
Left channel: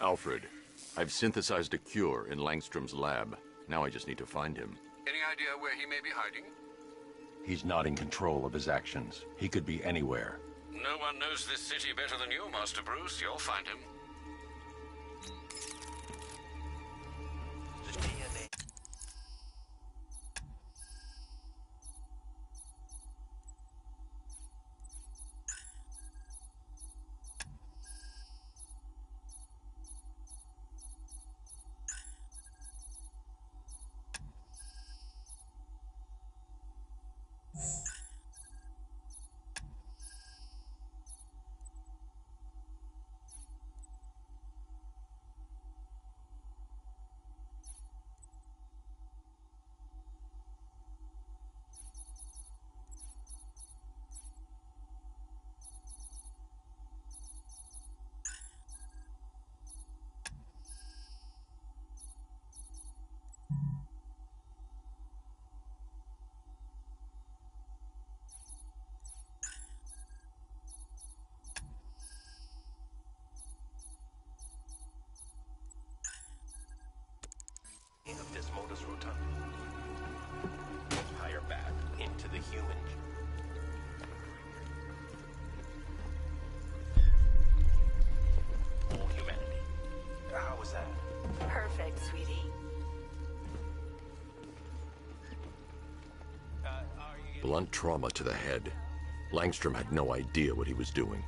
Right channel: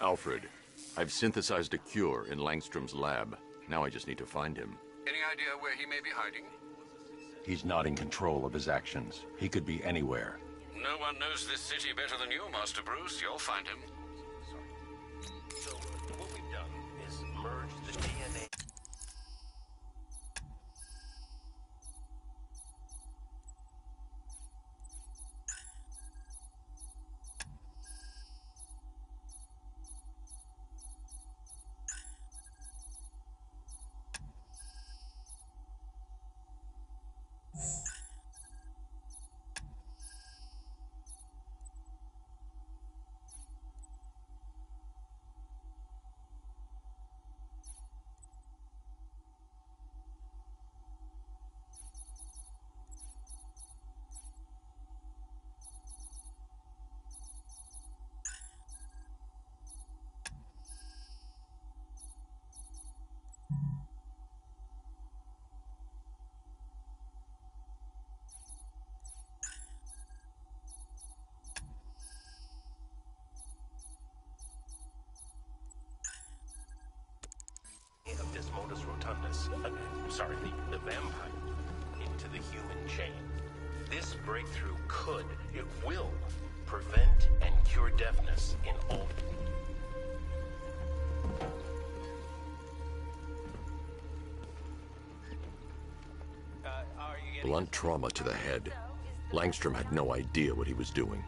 Alfred, I've synthesized a cure in Langstrom's lab. Now I just need to find him. Any idea where he may be hiding? He's not in control of his actions. He could be anywhere. No one knows this city better than you, Master Bruce. You'll find him. Of Desmodus rotundus, the vampire bat, into the human chain. This breakthrough it will, prevent and cure deafness in all humanity. How was that? Perfect, sweetie. Blunt trauma to the head. Langstrom had no idea what he was doing.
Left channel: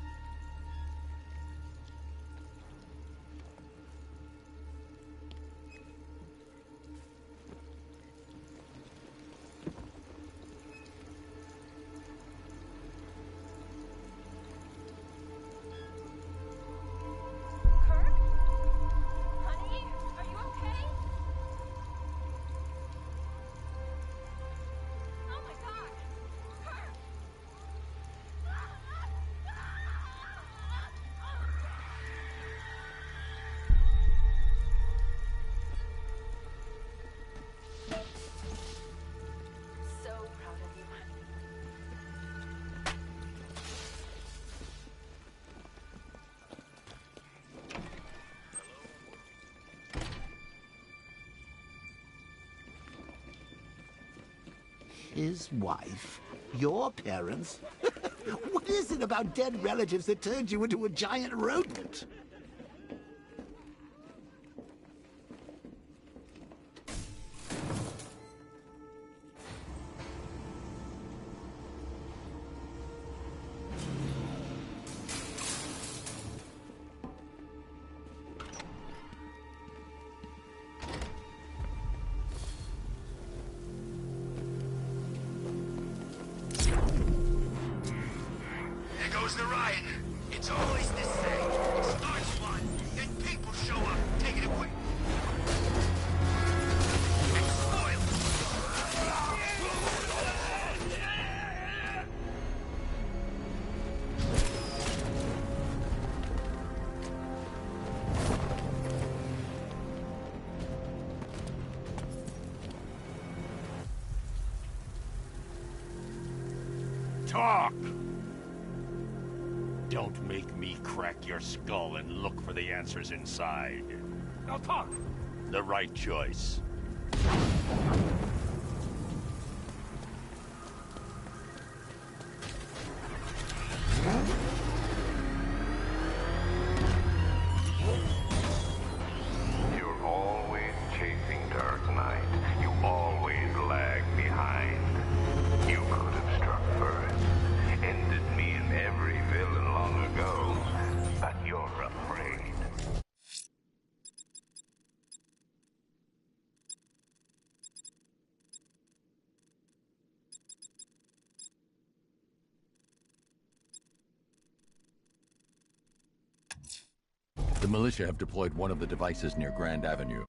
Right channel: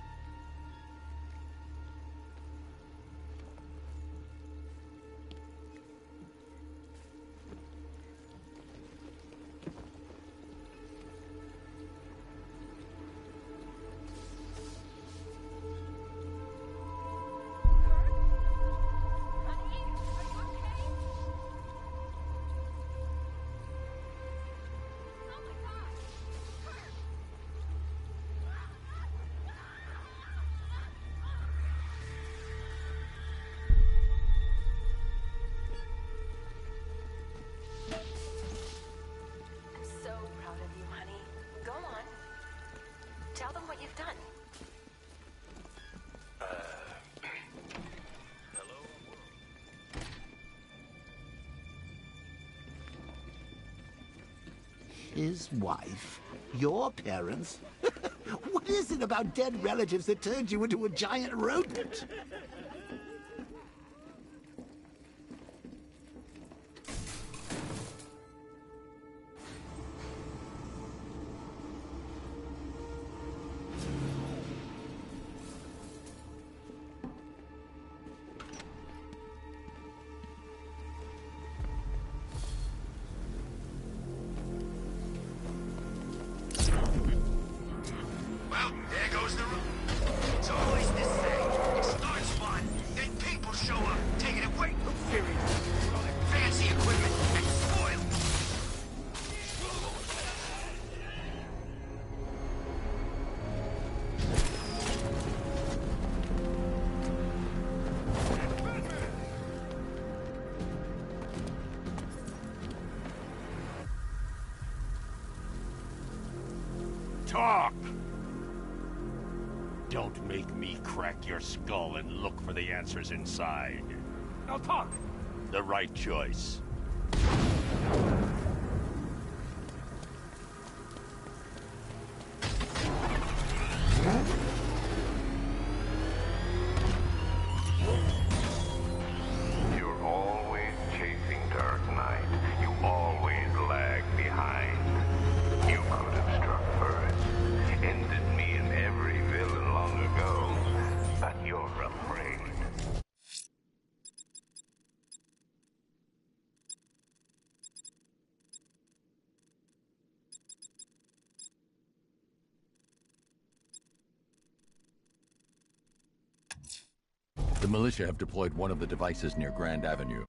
his wife, your parents. What is it about dead relatives that turned you into a giant rodent? There goes the ride. It's always the same. It starts fun, then people show up, taking it away. Fancy equipment and spoil it. Talk! Don't make me crack your skull and look for the answers inside. Now talk! The right choice. You're always chasing Dark Knight. You always lag behind. You could have struck first, ended me and every villain long ago, but you're afraid. The militia have deployed one of the devices near Grand Avenue.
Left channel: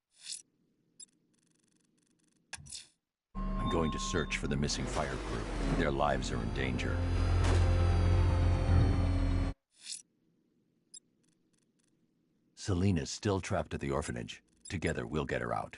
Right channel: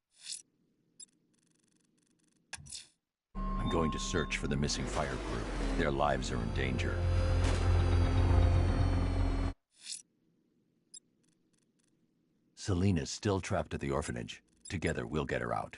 I'm going to search for the missing fire crew. Their lives are in danger. Selena's still trapped at the orphanage. Together, we'll get her out.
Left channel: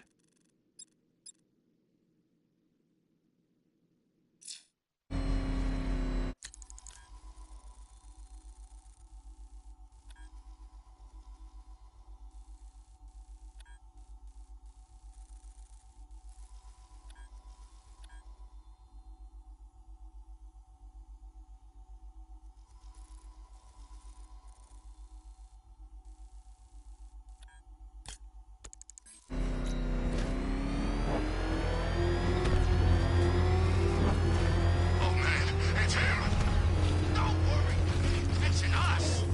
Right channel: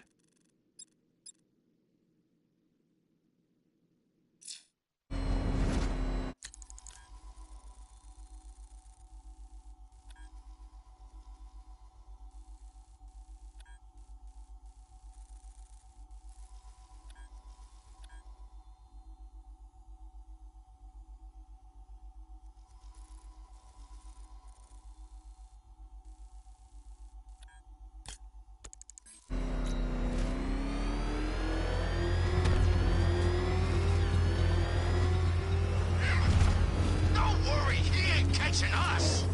It's him! Don't worry, he ain't catching us!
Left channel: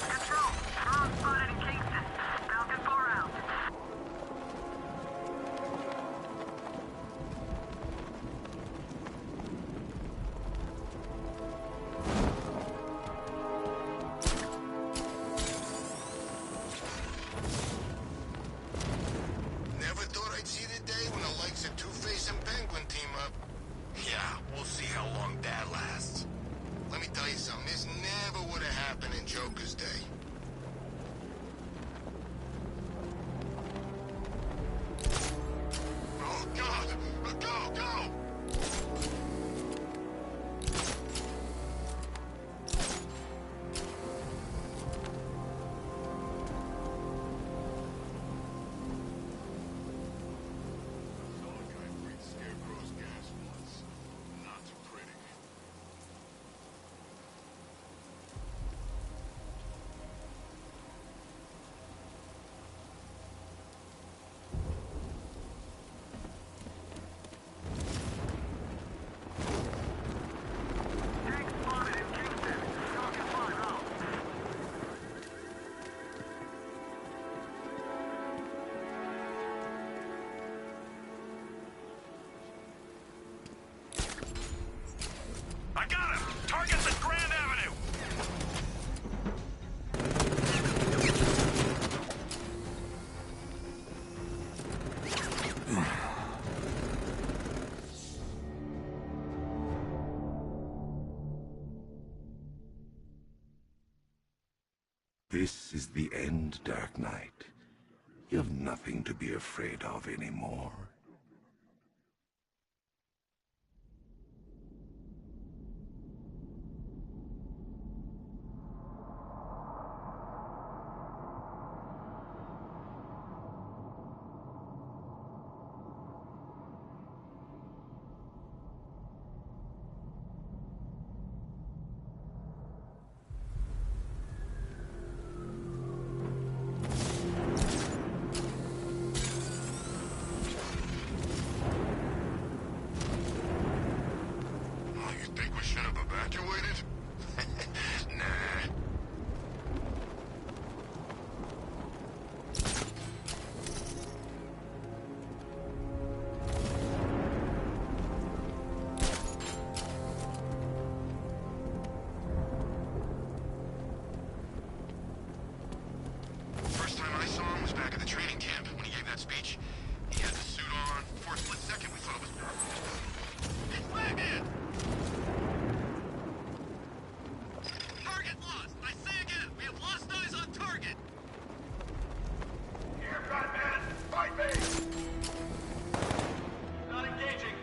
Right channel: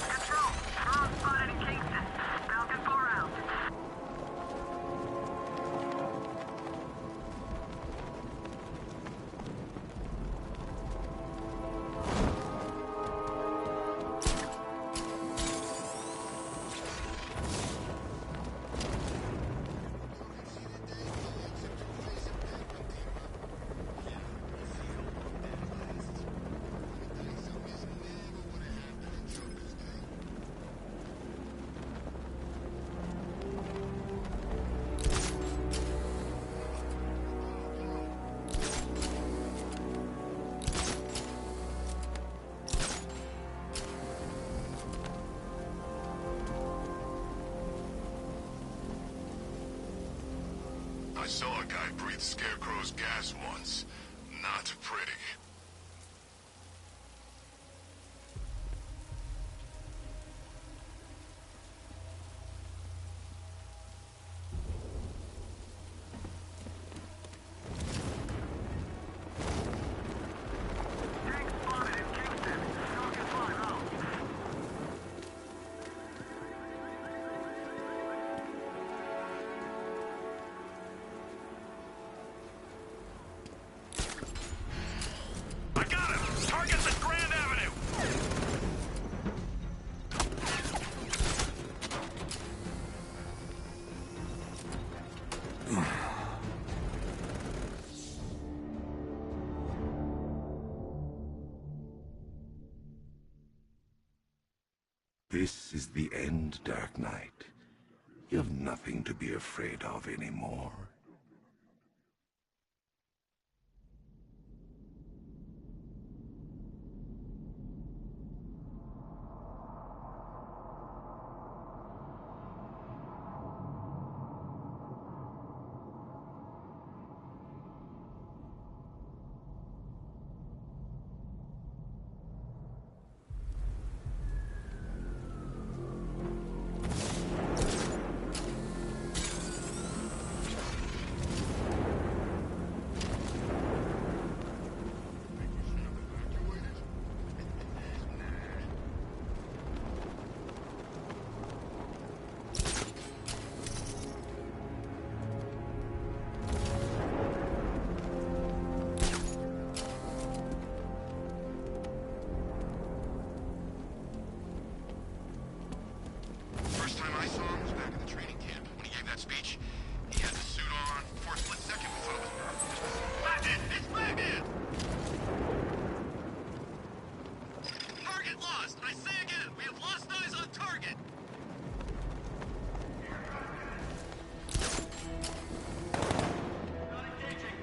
Control, drone spotted in Kingston. Falcon 4 out. Never thought I'd see the day when the likes of Two-Face and Penguin team up. Yeah, we'll see how long that lasts. Let me tell you something, this never would have happened in Joker's day. Oh, God! Go, go! I saw a guy breathe Scarecrow's gas once. Not pretty. Tank spotted in Kingston. Falcon 5 out. I got him! Target's at Grand Avenue! This is the end, Dark Knight. You've nothing to be afraid of anymore. the training camp. When he gave that speech, he had the suit on. For a split second, we thought it was Batman! It's Batman! Target lost! I say again, we have lost eyes on target! Here, Batman! Fight me! Not engaging!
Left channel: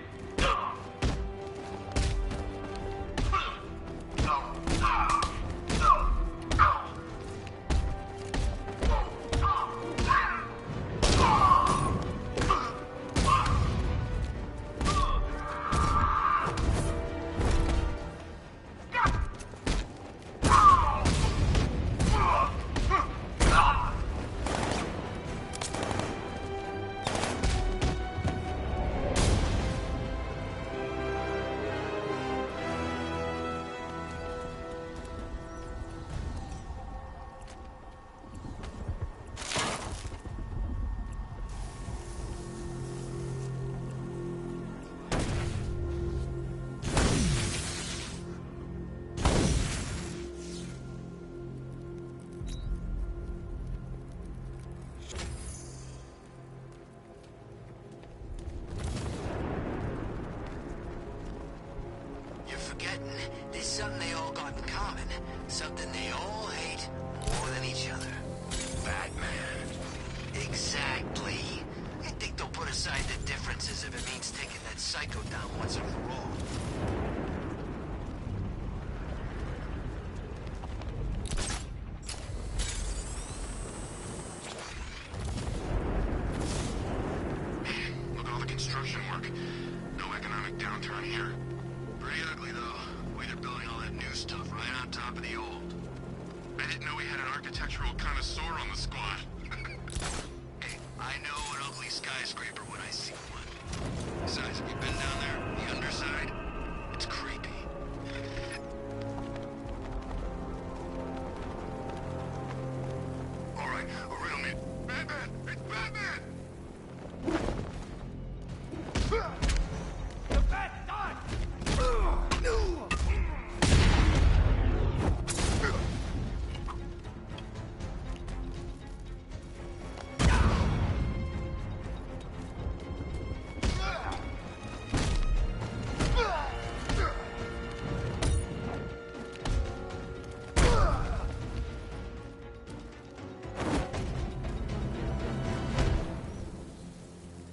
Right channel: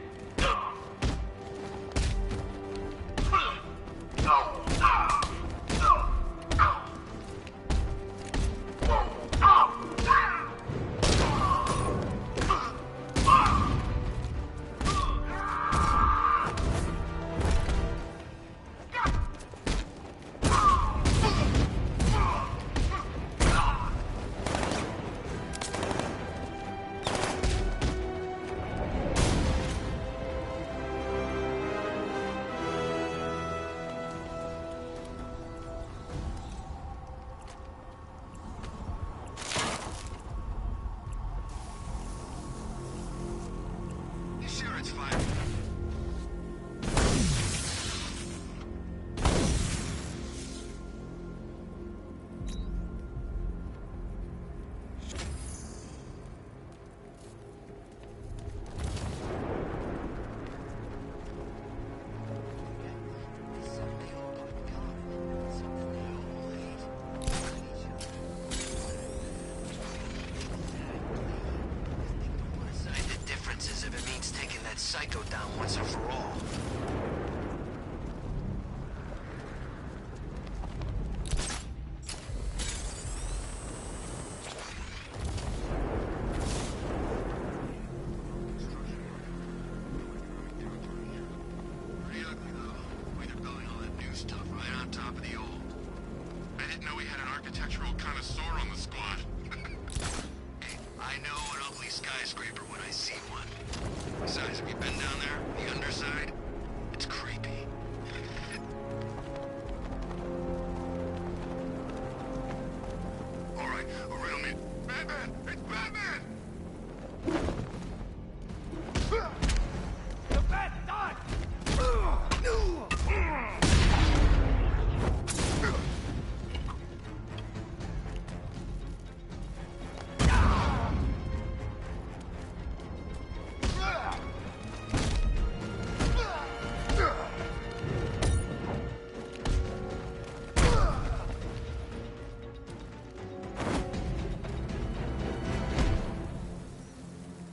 Psycho down once and for all. Look at all the construction work. No economic downturn here. Pretty ugly, though. Way they're building all that new stuff right on top of the old. I didn't know we had an architectural connoisseur on the squad. Hey, I know an ugly skyscraper when I see one. Besides, have you been down there? The underside? It's creepy. All right, riddle me. Batman! It's Batman! The bat died!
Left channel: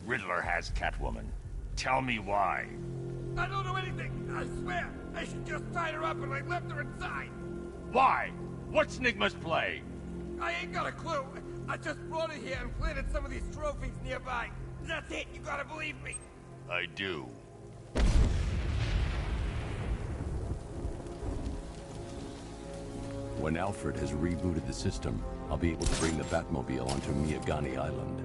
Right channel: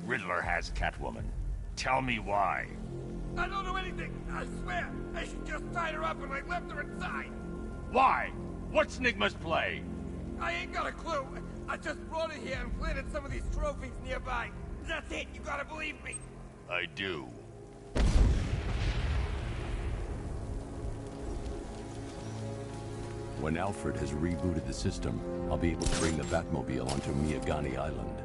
Riddler has Catwoman. Tell me why. I don't know anything, I swear. I just tied her up and I left her inside. Why? What's Nigma's play? I ain't got a clue. I just brought her here and planted some of these trophies nearby. That's it, you gotta believe me. I do. When Alfred has rebooted the system, I'll be able to bring the Batmobile onto Miyagani Island.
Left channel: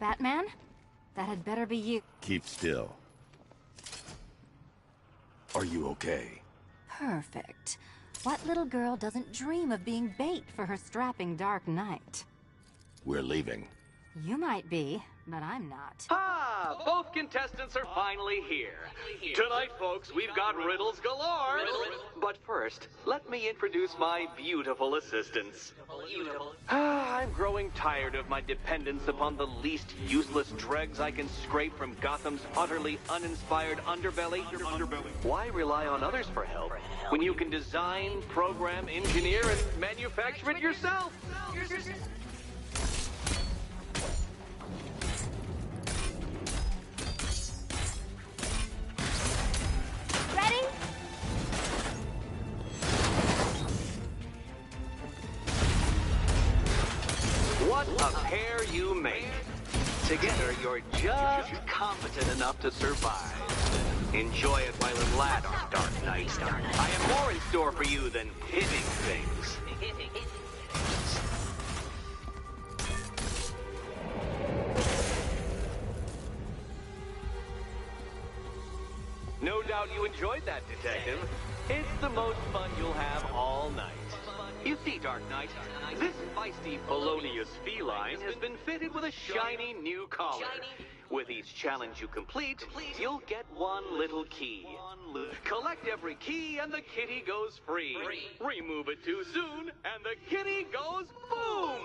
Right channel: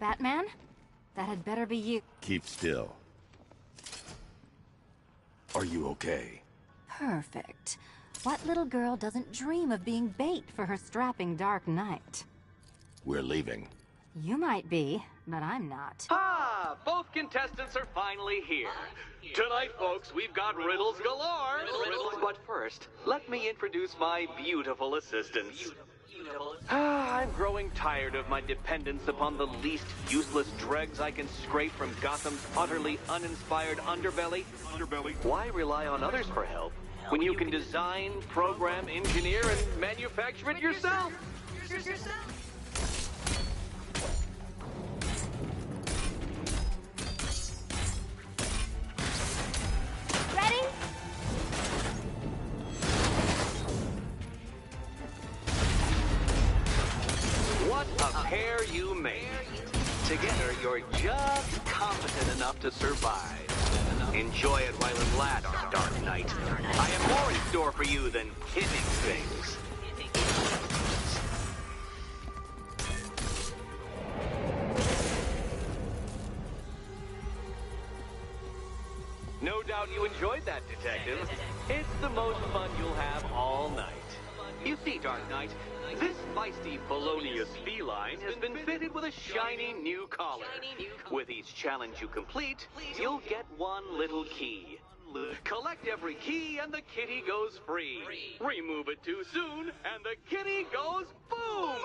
Batman? That had better be you. Keep still. Are you okay? Perfect. What little girl doesn't dream of being bait for her strapping Dark Knight? We're leaving. You might be, but I'm not. Ah, both contestants are finally here. Tonight, folks, we've got riddles galore. But first, let me introduce my beautiful assistants. I'm growing tired of my dependence upon the least useless dregs I can scrape from Gotham's utterly uninspired underbelly. Why rely on others for help when you can design, program, engineer, and manufacture it yourself? Ready? What a pair you make. Together, you're just competent enough to survive. Enjoy it while it lasts, Dark Knight. I have more in store for you than hitting things. No doubt you enjoyed that, Detective. It's the most fun you'll have all night. You see, Dark Knight, this feisty felonious feline has been fitted with a shiny new collar. With each challenge you complete, you'll get one little key. Collect every key and the kitty goes free. Remove it too soon and the kitty goes boom!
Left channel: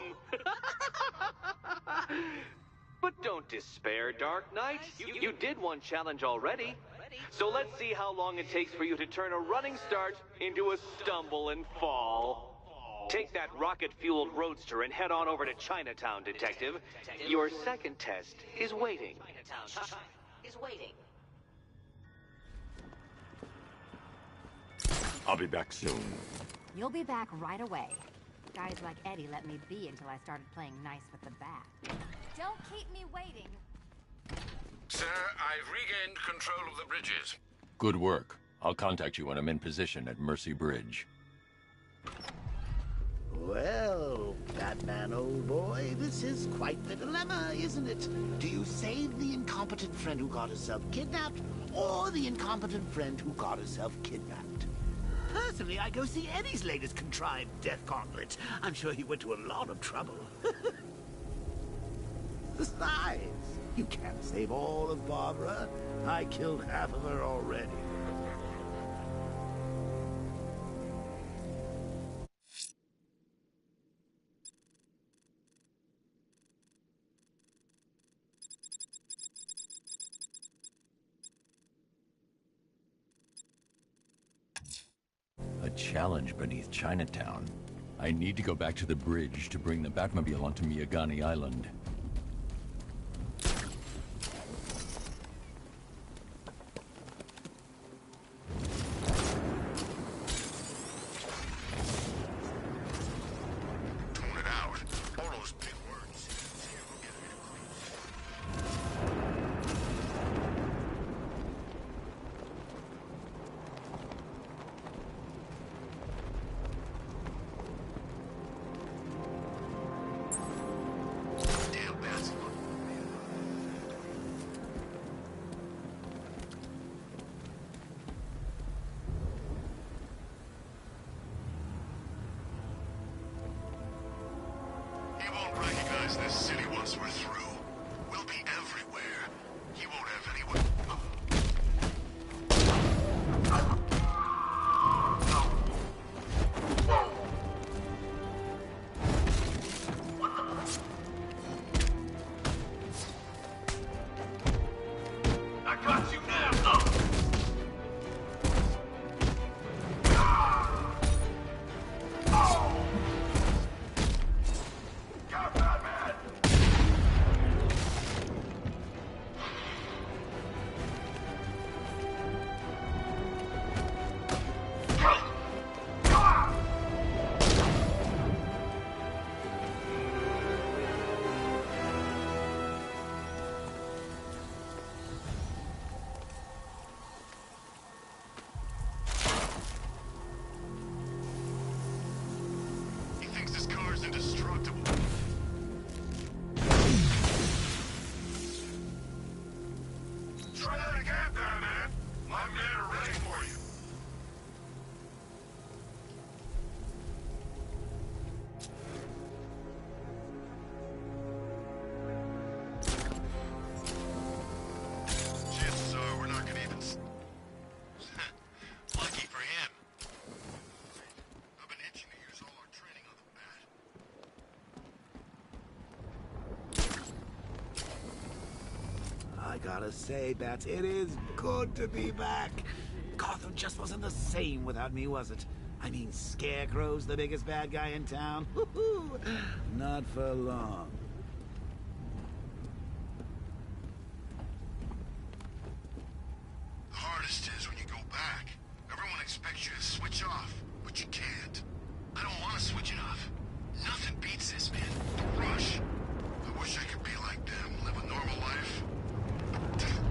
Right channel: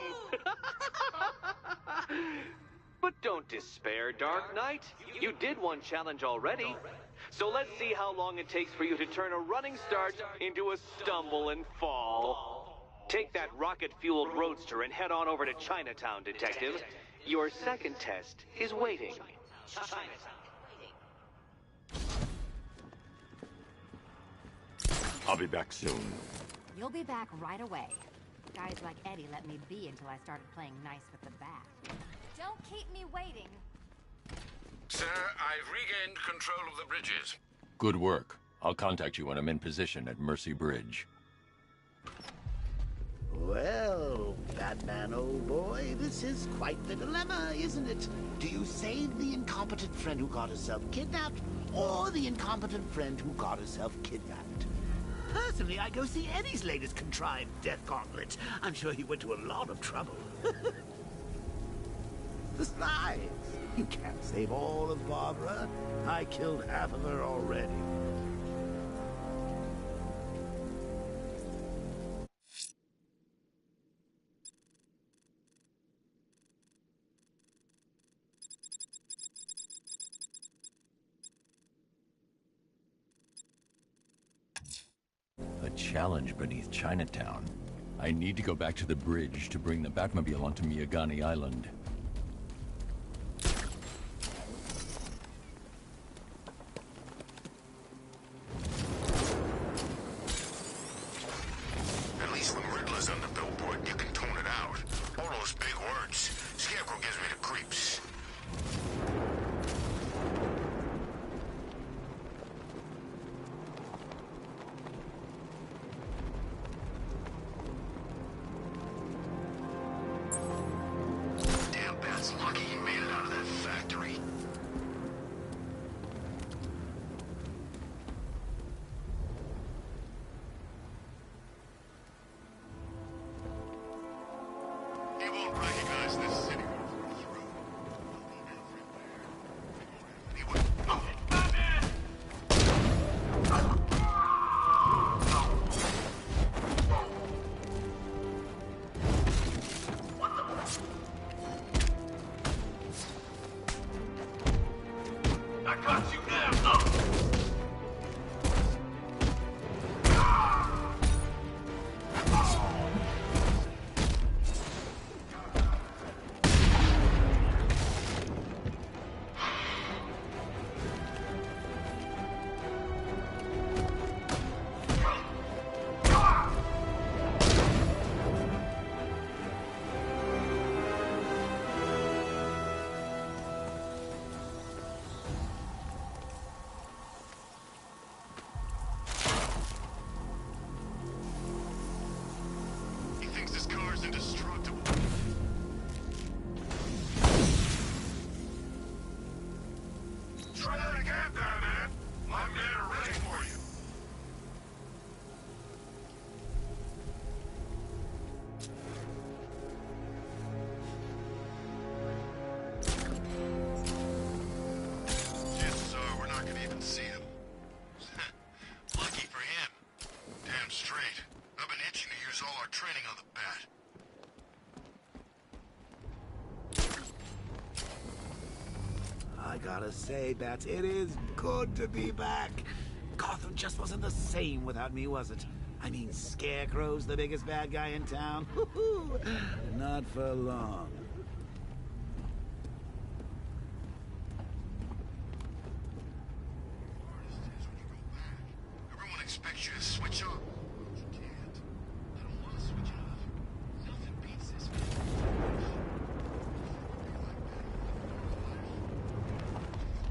But don't despair, Dark Knight. You did one challenge already. So let's see how long it takes for you to turn a running start into a stumble and fall. Take that rocket-fueled roadster and head on over to Chinatown, Detective. Your second test is waiting. I'll be back soon. You'll be back right away. Guys like Eddie let me be until I started playing nice with the bat. Don't keep me waiting. Sir, I've regained control of the bridges. Good work. I'll contact you when I'm in position at Mercy Bridge. Well, Batman, old boy, this is quite the dilemma, isn't it? Do you save the incompetent friend who got herself kidnapped, or the incompetent friend who got herself kidnapped? Personally, I go see Eddie's latest contrived death gauntlet. I'm sure he went to a lot of trouble. Besides, you can't save all of Barbara. I killed half of her already. A challenge beneath Chinatown. I need to go back to the bridge to bring the Batmobile onto Miyagani Island. At least when Riddler's on the billboard, you can tone it out. All those big words. Scarecrow gives me the creeps. Damn Bat's lucky he made it out of that factory. He won't recognize this city once we're through. We'll be everywhere. He won't have anyone. I got you now! He thinks this car's indestructible. Try that again, Batman. My men are ready for you. Chances are we're not gonna even see him. Lucky for him. Damn straight. I've been itching to use all our training on the Bat. I gotta say, Bats, it is good to be back. Gotham just wasn't the same without me, was it? I mean, Scarecrow's the biggest bad guy in town. Not for long. The hardest is when you go back. Everyone expects you to switch off, but you can't. I don't want to switch it off. Nothing beats this, man. The rush. I wish I could be like them, live a normal life.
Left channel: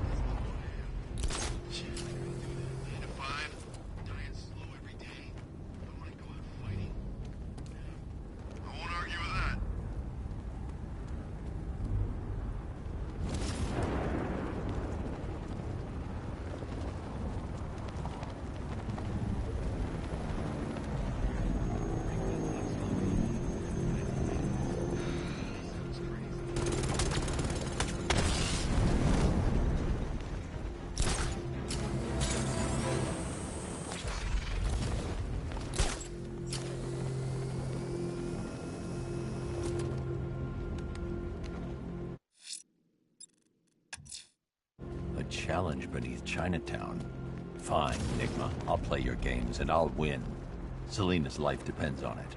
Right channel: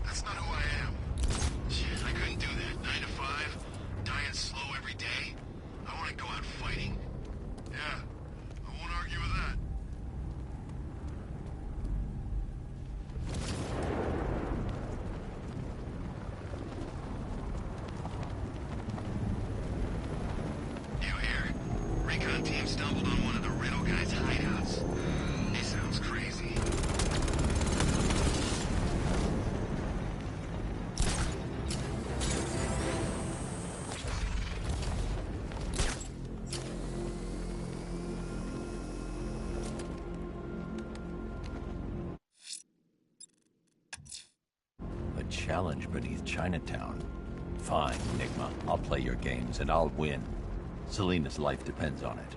That's not who I am. Shit, I challenge beneath Chinatown. Fine, Enigma. I'll play your games, and I'll win. Selena's life depends on it.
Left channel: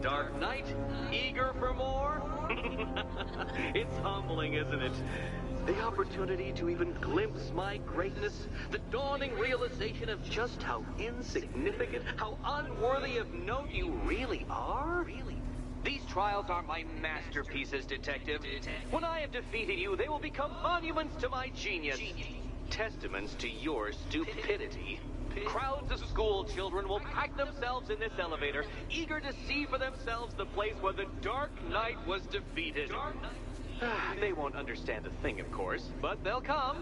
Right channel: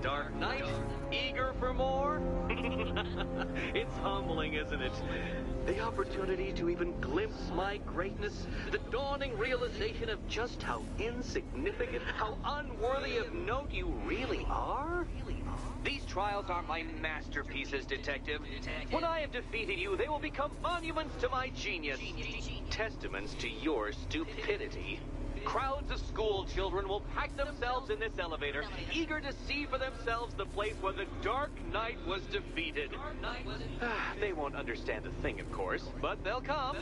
Dark Knight, eager for more? It's humbling, isn't it? The opportunity to even glimpse my greatness, the dawning realization of just how insignificant, how unworthy of note you really are? These trials are my masterpieces, Detective. When I have defeated you, they will become monuments to my genius, testaments to your stupidity. Crowds of school children will pack themselves in this elevator, eager to see for themselves the place where the Dark Knight was defeated. They won't understand a thing, of course, but they'll come.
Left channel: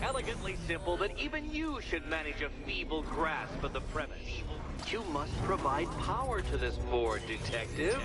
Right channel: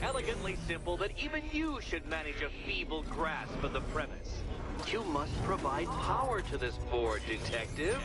Elegantly simple that even you should manage a feeble grasp of the premise. You must provide power to this board, Detective.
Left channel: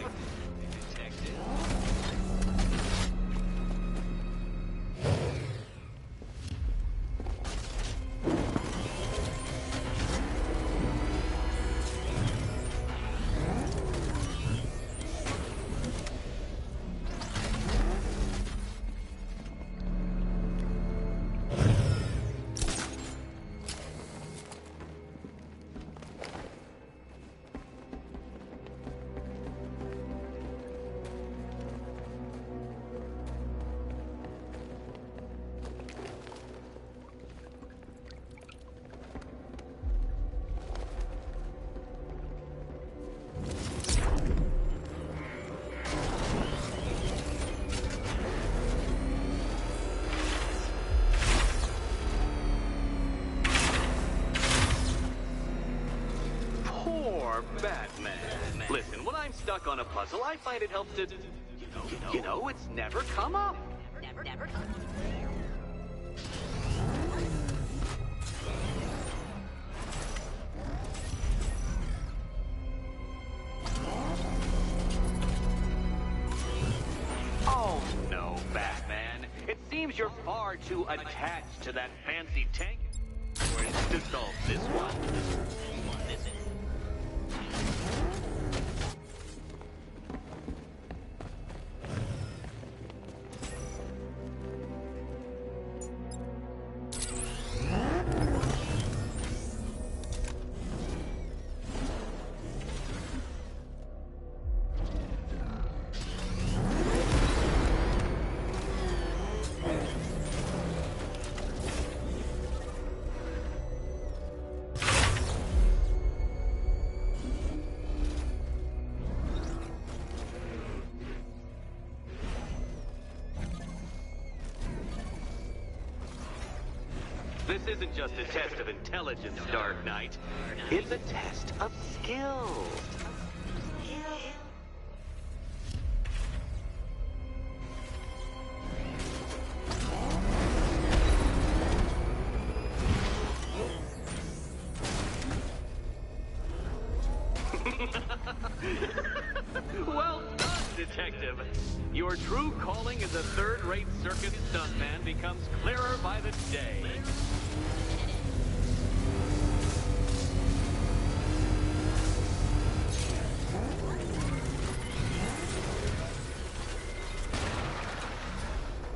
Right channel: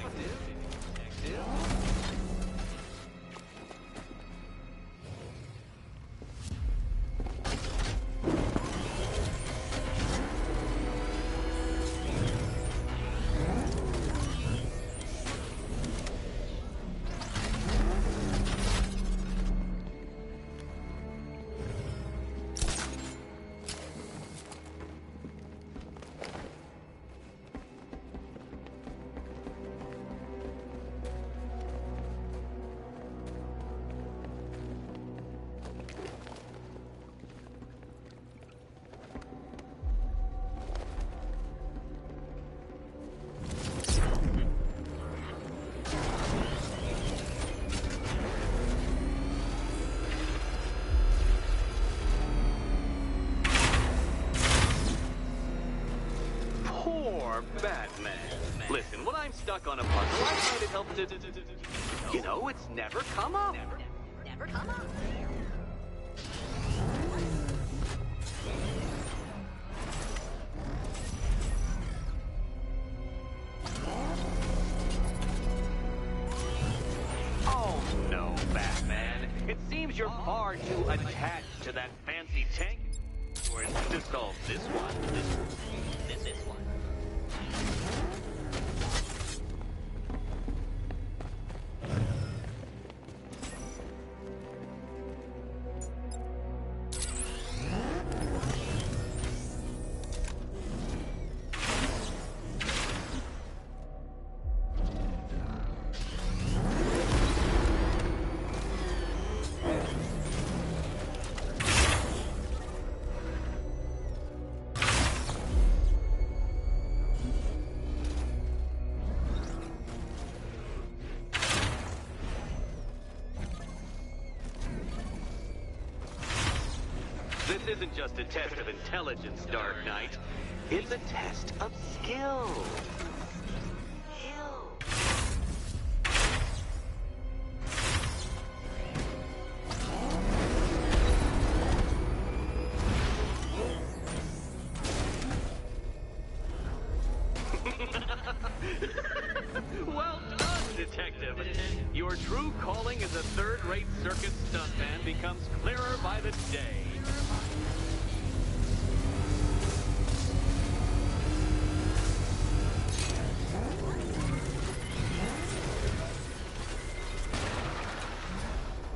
Batman. Listen, when I'm stuck on a puzzle, I find it helps to... You know, it's never come up. Never come up. Oh, no, Batman. It seems you're far too attached to that fancy tank to solve this one. This is one. This isn't just a test of intelligence, Dark Knight. It's a test of skill. Well done, Detective. Your true calling as a third-rate circus stuntman becomes clearer by the day.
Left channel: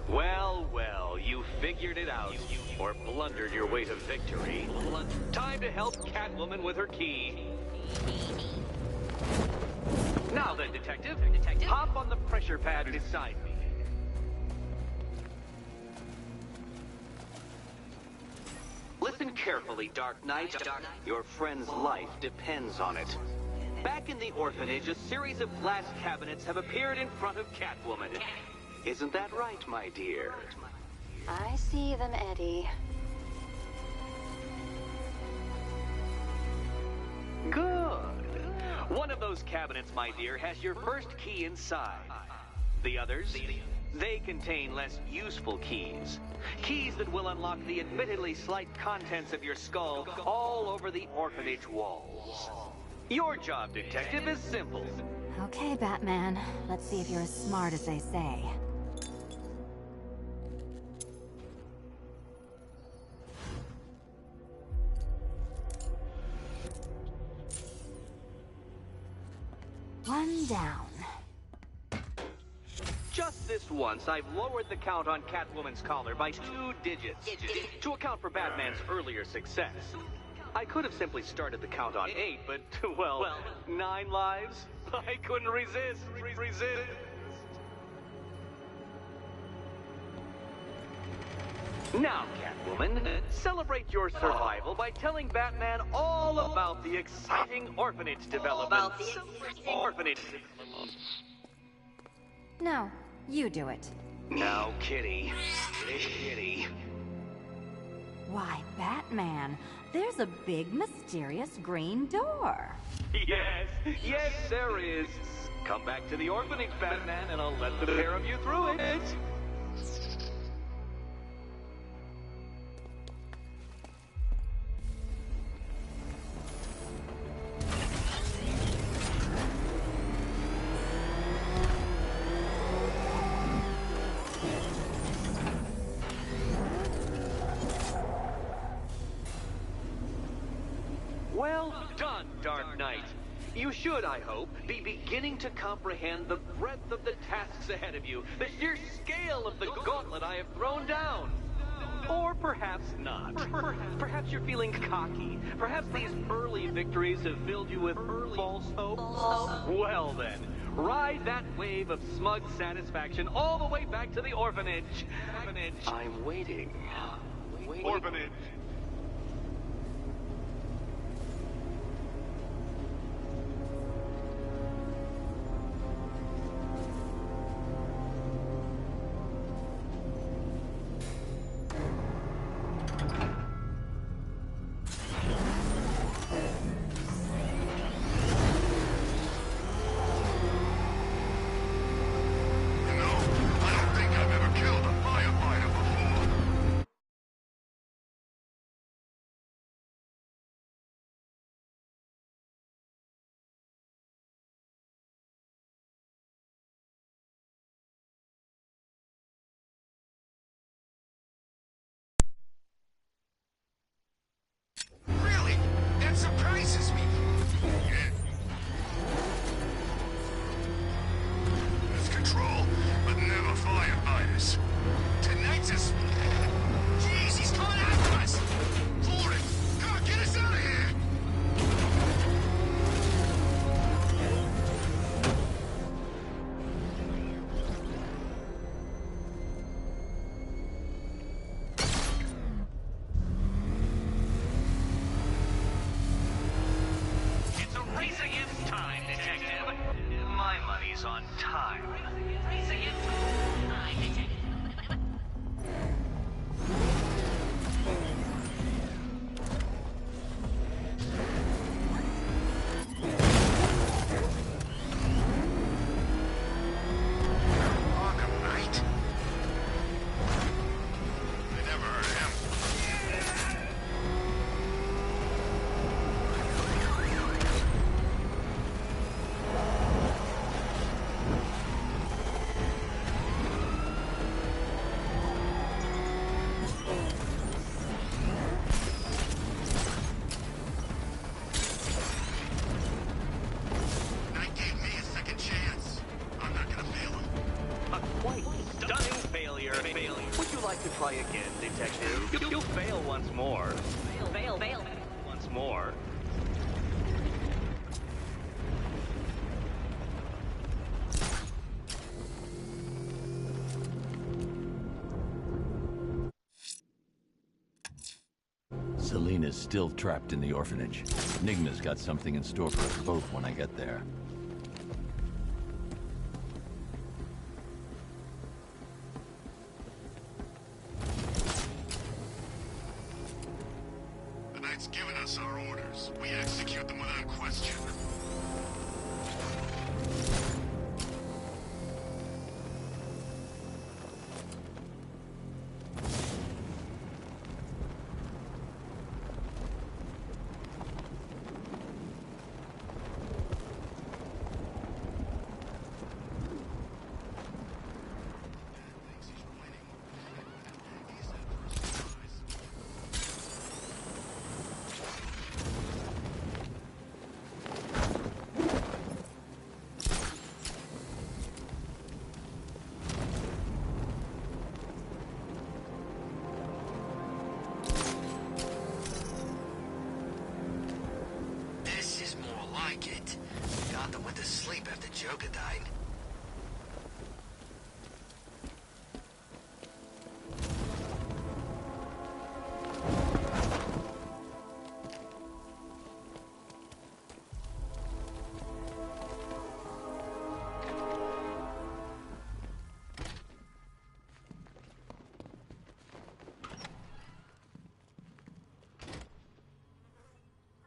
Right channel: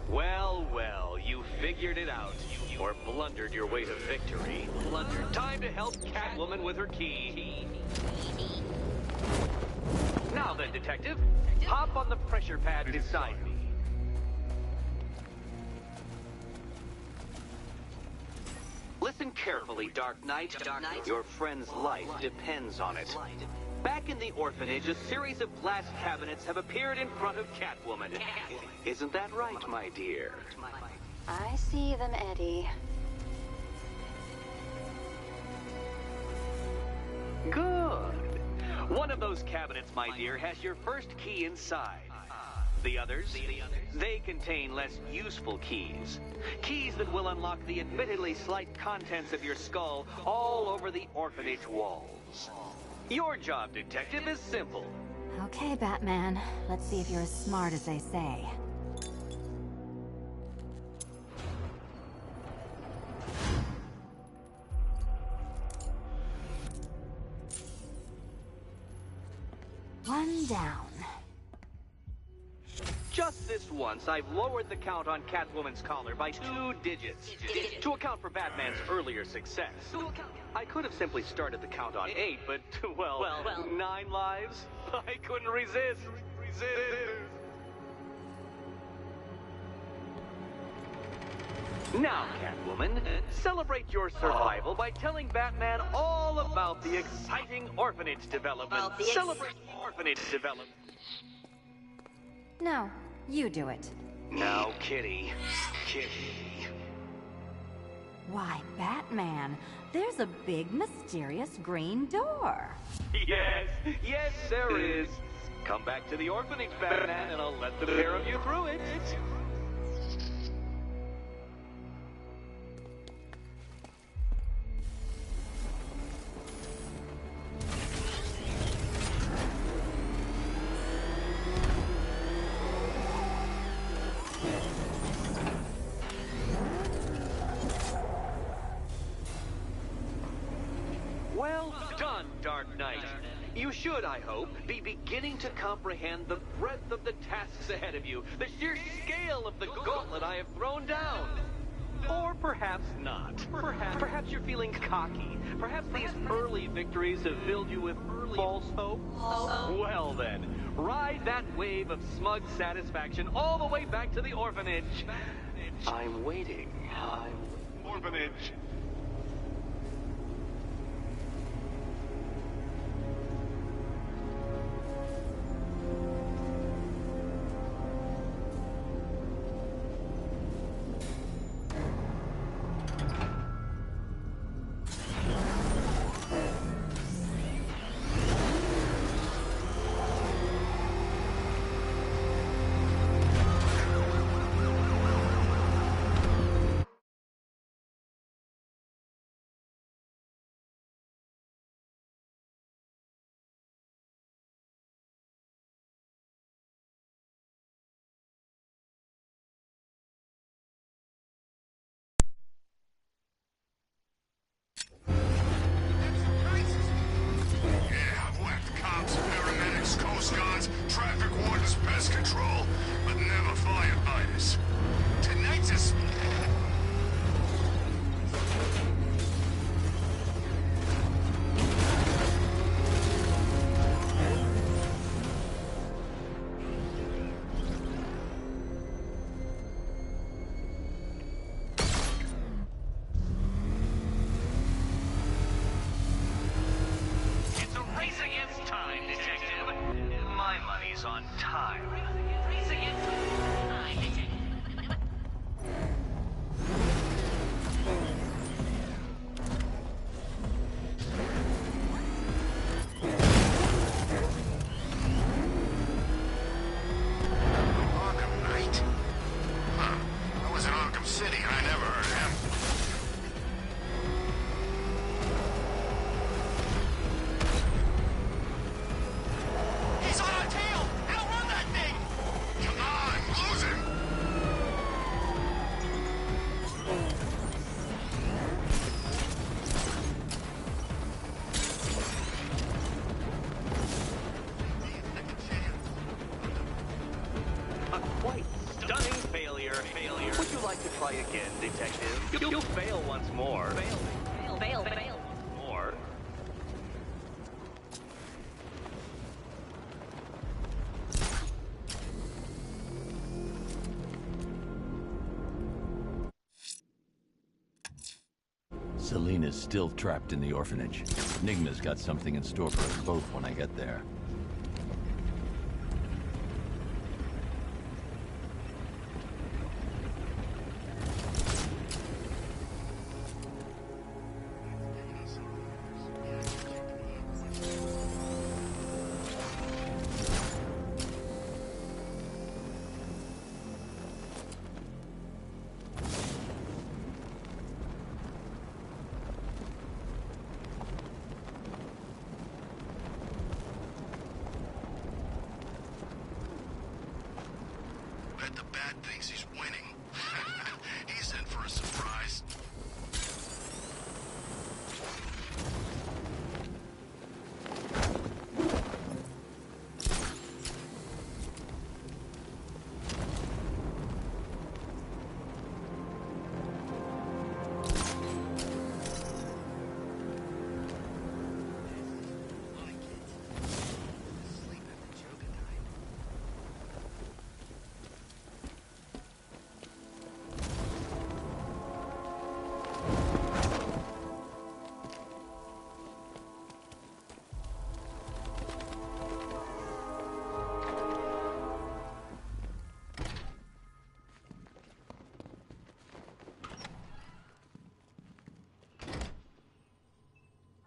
Well, well, you figured it out. Or blundered your way to victory. Time to help Catwoman with her key. Now then, Detective, hop on the pressure pad beside me. Listen carefully, Dark Knight. Your friend's life depends on it. Back in the orphanage, a series of glass cabinets have appeared in front of Catwoman. Isn't that right, my dear? I see them, Eddie. Good. One of those cabinets, my dear, has your first key inside. The others, they contain less useful keys. Keys that will unlock the admittedly slight contents of your skull all over the orphanage walls. Your job, Detective, is simple. Okay, Batman. Let's see if you're as smart as they say. One down. Just this once, I've lowered the count on Catwoman's collar by 2 digits to account for Batman's earlier success. I could have simply started the count on 8, but, well, 9 lives? I couldn't resist. Now, Catwoman, celebrate your survival by telling Batman all about the exciting orphanage development. Celebrate orphanage development. No, you do it. Now, Kitty. Kitty. Why, Batman, there's a big, mysterious green door. Yes, there is. Come back to the orphanage, Batman, and I'll let the pair of you through it. Well done, Dark Knight. You should, I hope, be beginning to comprehend the breadth of the tasks ahead of you, the sheer scale of the gauntlet I have thrown down. Or perhaps not. Perhaps you're feeling cocky. Perhaps these early victories have filled you with false hope. Well then, ride that wave of smug satisfaction all the way back to the orphanage. I'm waiting. Orphanage. again, Detective. You fail once more. Fail once more. Selena's still trapped in the orphanage. Nigma's got something in store for us both when I get there. The Knight's given us our orders. We execute them without question. Bet the Bat thinks he's winning. He's in for a surprise. This is more like it. Jonathan went to sleep after Joker died.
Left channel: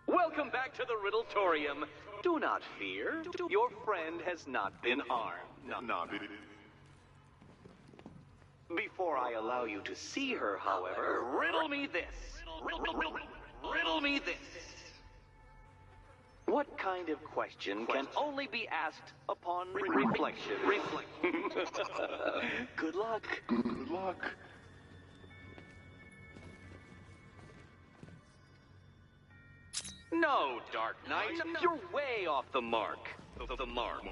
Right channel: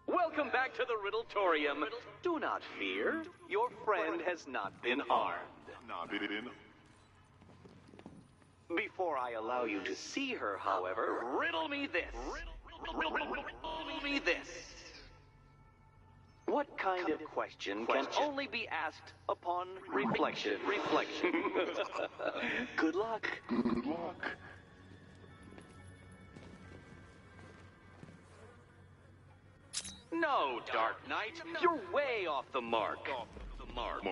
Welcome back to the Riddletorium. Do not fear. Your friend has not been harmed. Before I allow you to see her, however, riddle me this. Riddle me this. What kind of question can only be asked upon reflection? Good luck. Good luck. No, Dark Knight. You're way off the mark. The mark.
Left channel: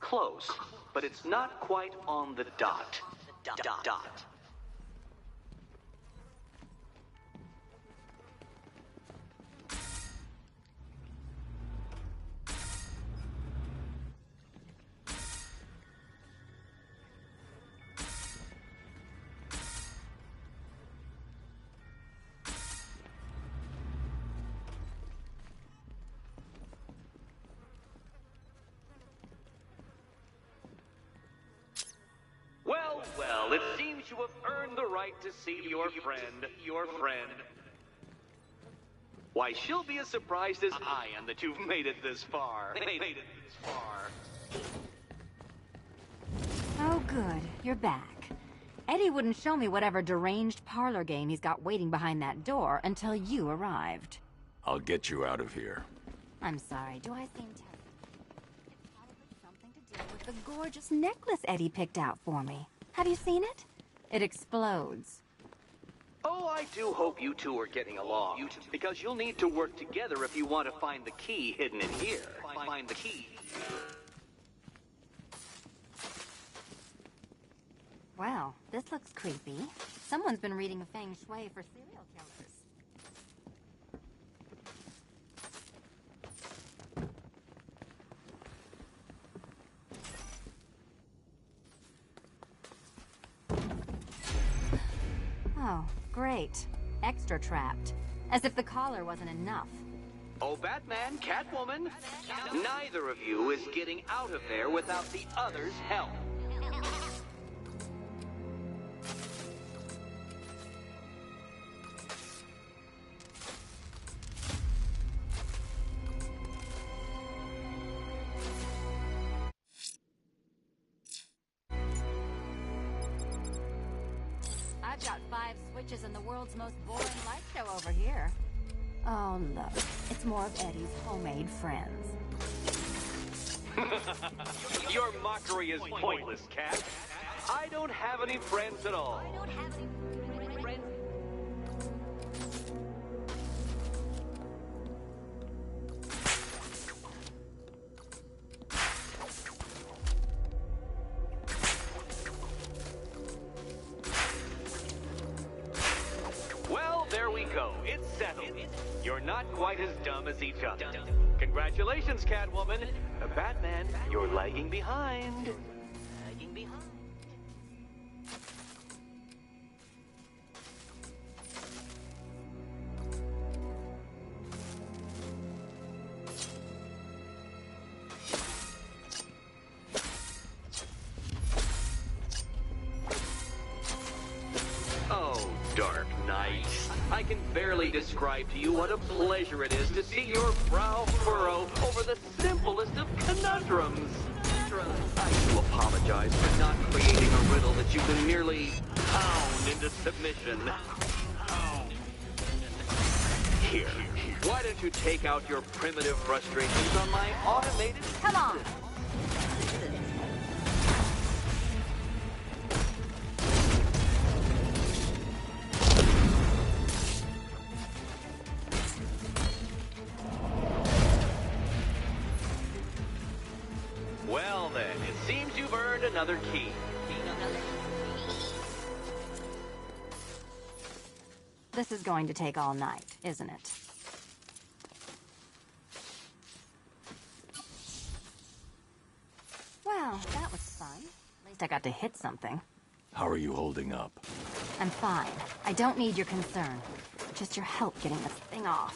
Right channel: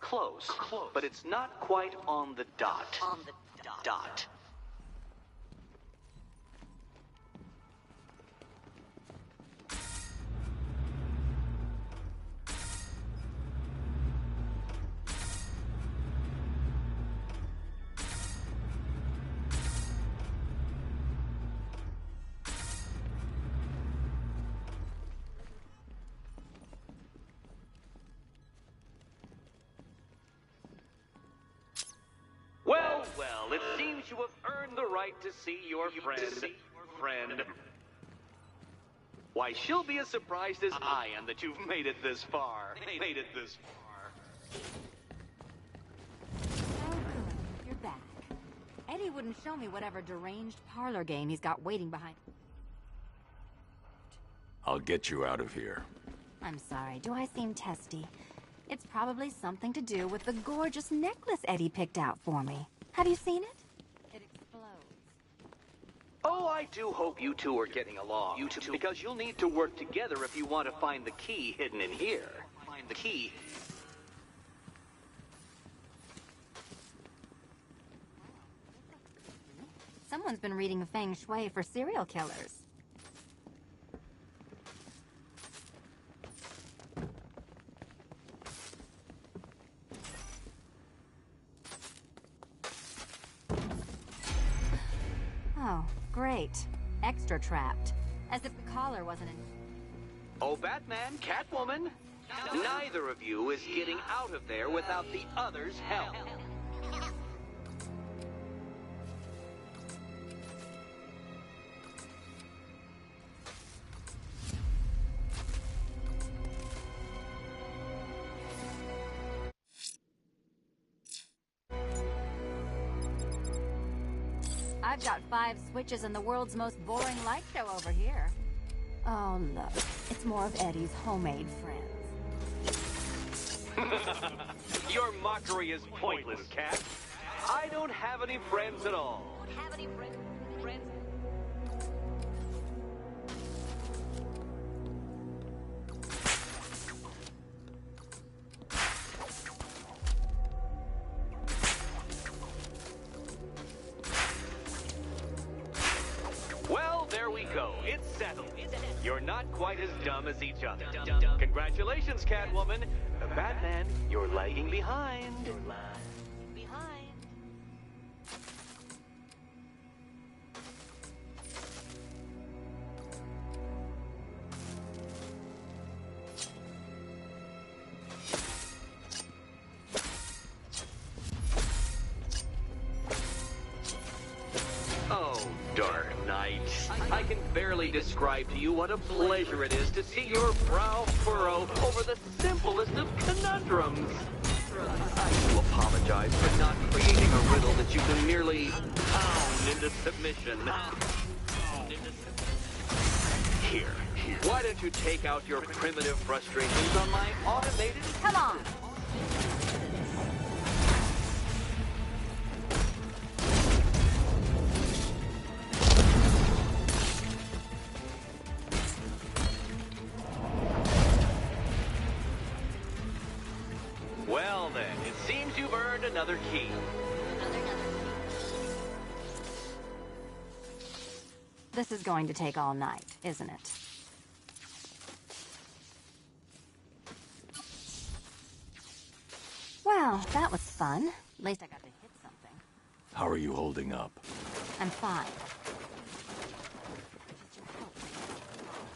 Close, but it's not quite on the dot. Dot. Well, it seems you have earned the right to see your friend. Why, she'll be as surprised as I am that you've made it this far. Oh, good. You're back. Eddie wouldn't show me whatever deranged parlor game he's got waiting behind that door until you arrived. I'll get you out of here. I'm sorry, do I seem testy? It's probably something to do with the gorgeous necklace Eddie picked out for me. Have you seen it? It explodes. Oh, I do hope you two are getting along. You two, because you'll need to work together if you want to find the key hidden in here. Find the key. Well, this looks creepy. Someone's been reading feng shui for serial killers. Oh, great. Extra trapped. As if the collar wasn't enough. Oh, Batman, Catwoman, neither of you is getting out of there without the other's help. I've got 5 switches and the world's most boring light show over here. Oh, look. It's more of Eddie's homemade friends. Your mockery is pointless, Cat. I don't have any friends at all. Well, there we go. It's settled. You're not quite as dumb as each other. Congratulations, Catwoman. Batman, you're lagging behind. Oh, Dark Knight. I can barely describe to you what a pleasure it is to see your brow furrow over the simplest of conundrums. I do apologize for not creating a riddle that you can merely pound into submission. Here, why don't you take out your primitive frustrations on my automated... Come on! Well then, it seems you've earned another key. This is going to take all night, isn't it? Well, that was fun. At least I got to hit something. How are you holding up? I'm fine. I don't need your concern. Just your help getting this thing off.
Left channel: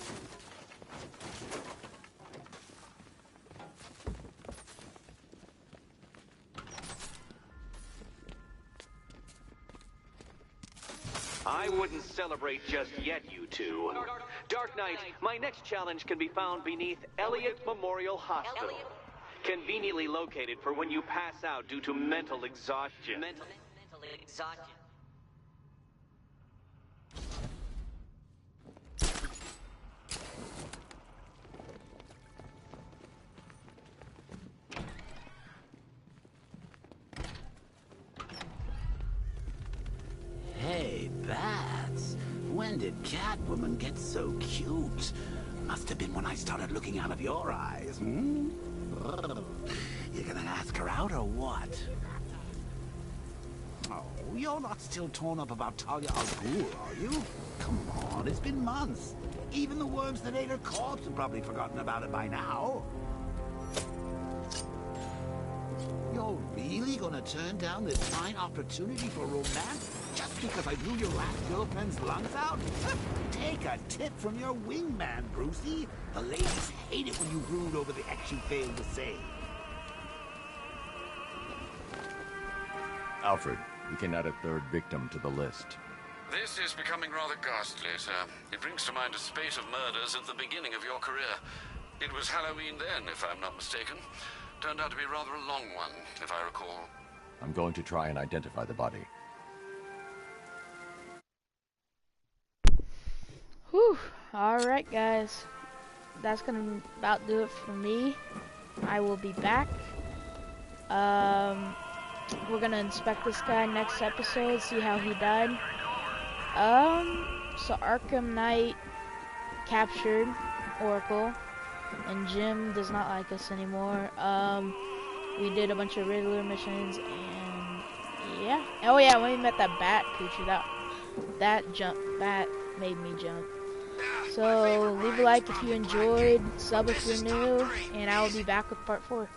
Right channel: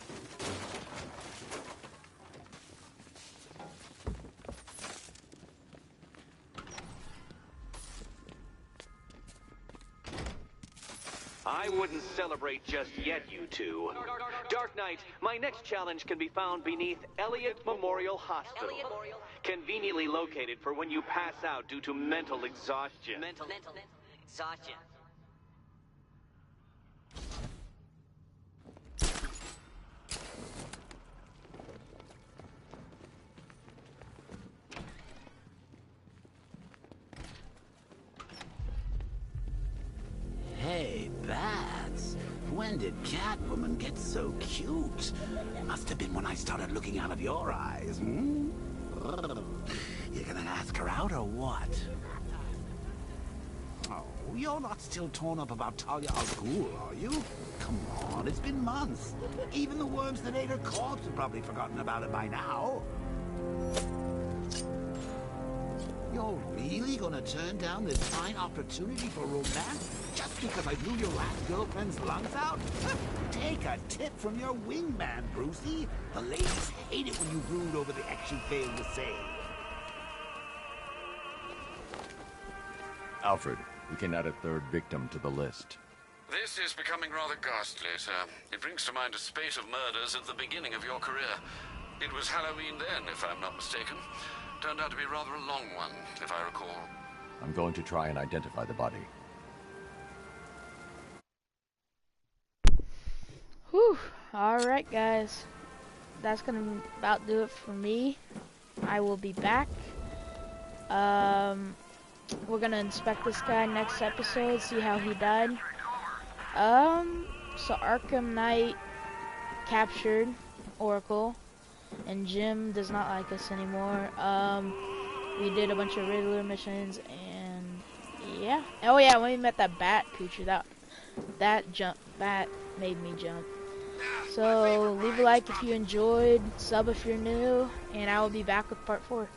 I wouldn't celebrate just yet, you two. Dark Knight, my next challenge can be found beneath Elliott Memorial Hospital. Conveniently located for when you pass out due to mental exhaustion. Mental exhaustion. Hey, Bats. When did Catwoman get so cute? Must have been when I started looking out of your eyes, hmm? You gonna ask her out or what? Oh, you're not still torn up about Talia al Ghul, are you? Come on, it's been months. Even the worms that ate her corpse have probably forgotten about it by now. You're really gonna turn down this fine opportunity for romance just because I blew your last girlfriend's lungs out? Take a tip from your wingman, Brucey. The ladies hate it when you brood over the ex you failed to save. Alfred, We can add a third victim to the list. This is becoming rather ghastly, sir. It brings to mind a spate of murders at the beginning of your career. It was Halloween then, if I'm not mistaken. Turned out to be rather a long one, if I recall. I'm going to try and identify the body. Whew. Alright, guys. That's gonna about do it for me. I will be back. We're gonna inspect this guy next episode, see how he died. So Arkham Knight captured Oracle, and Jim does not like us anymore. We did a bunch of Riddler missions, and yeah. Oh yeah, when we met that bat creature, that bat made me jump. So leave a like if you enjoyed, sub if you're new, and I will be back with part 4.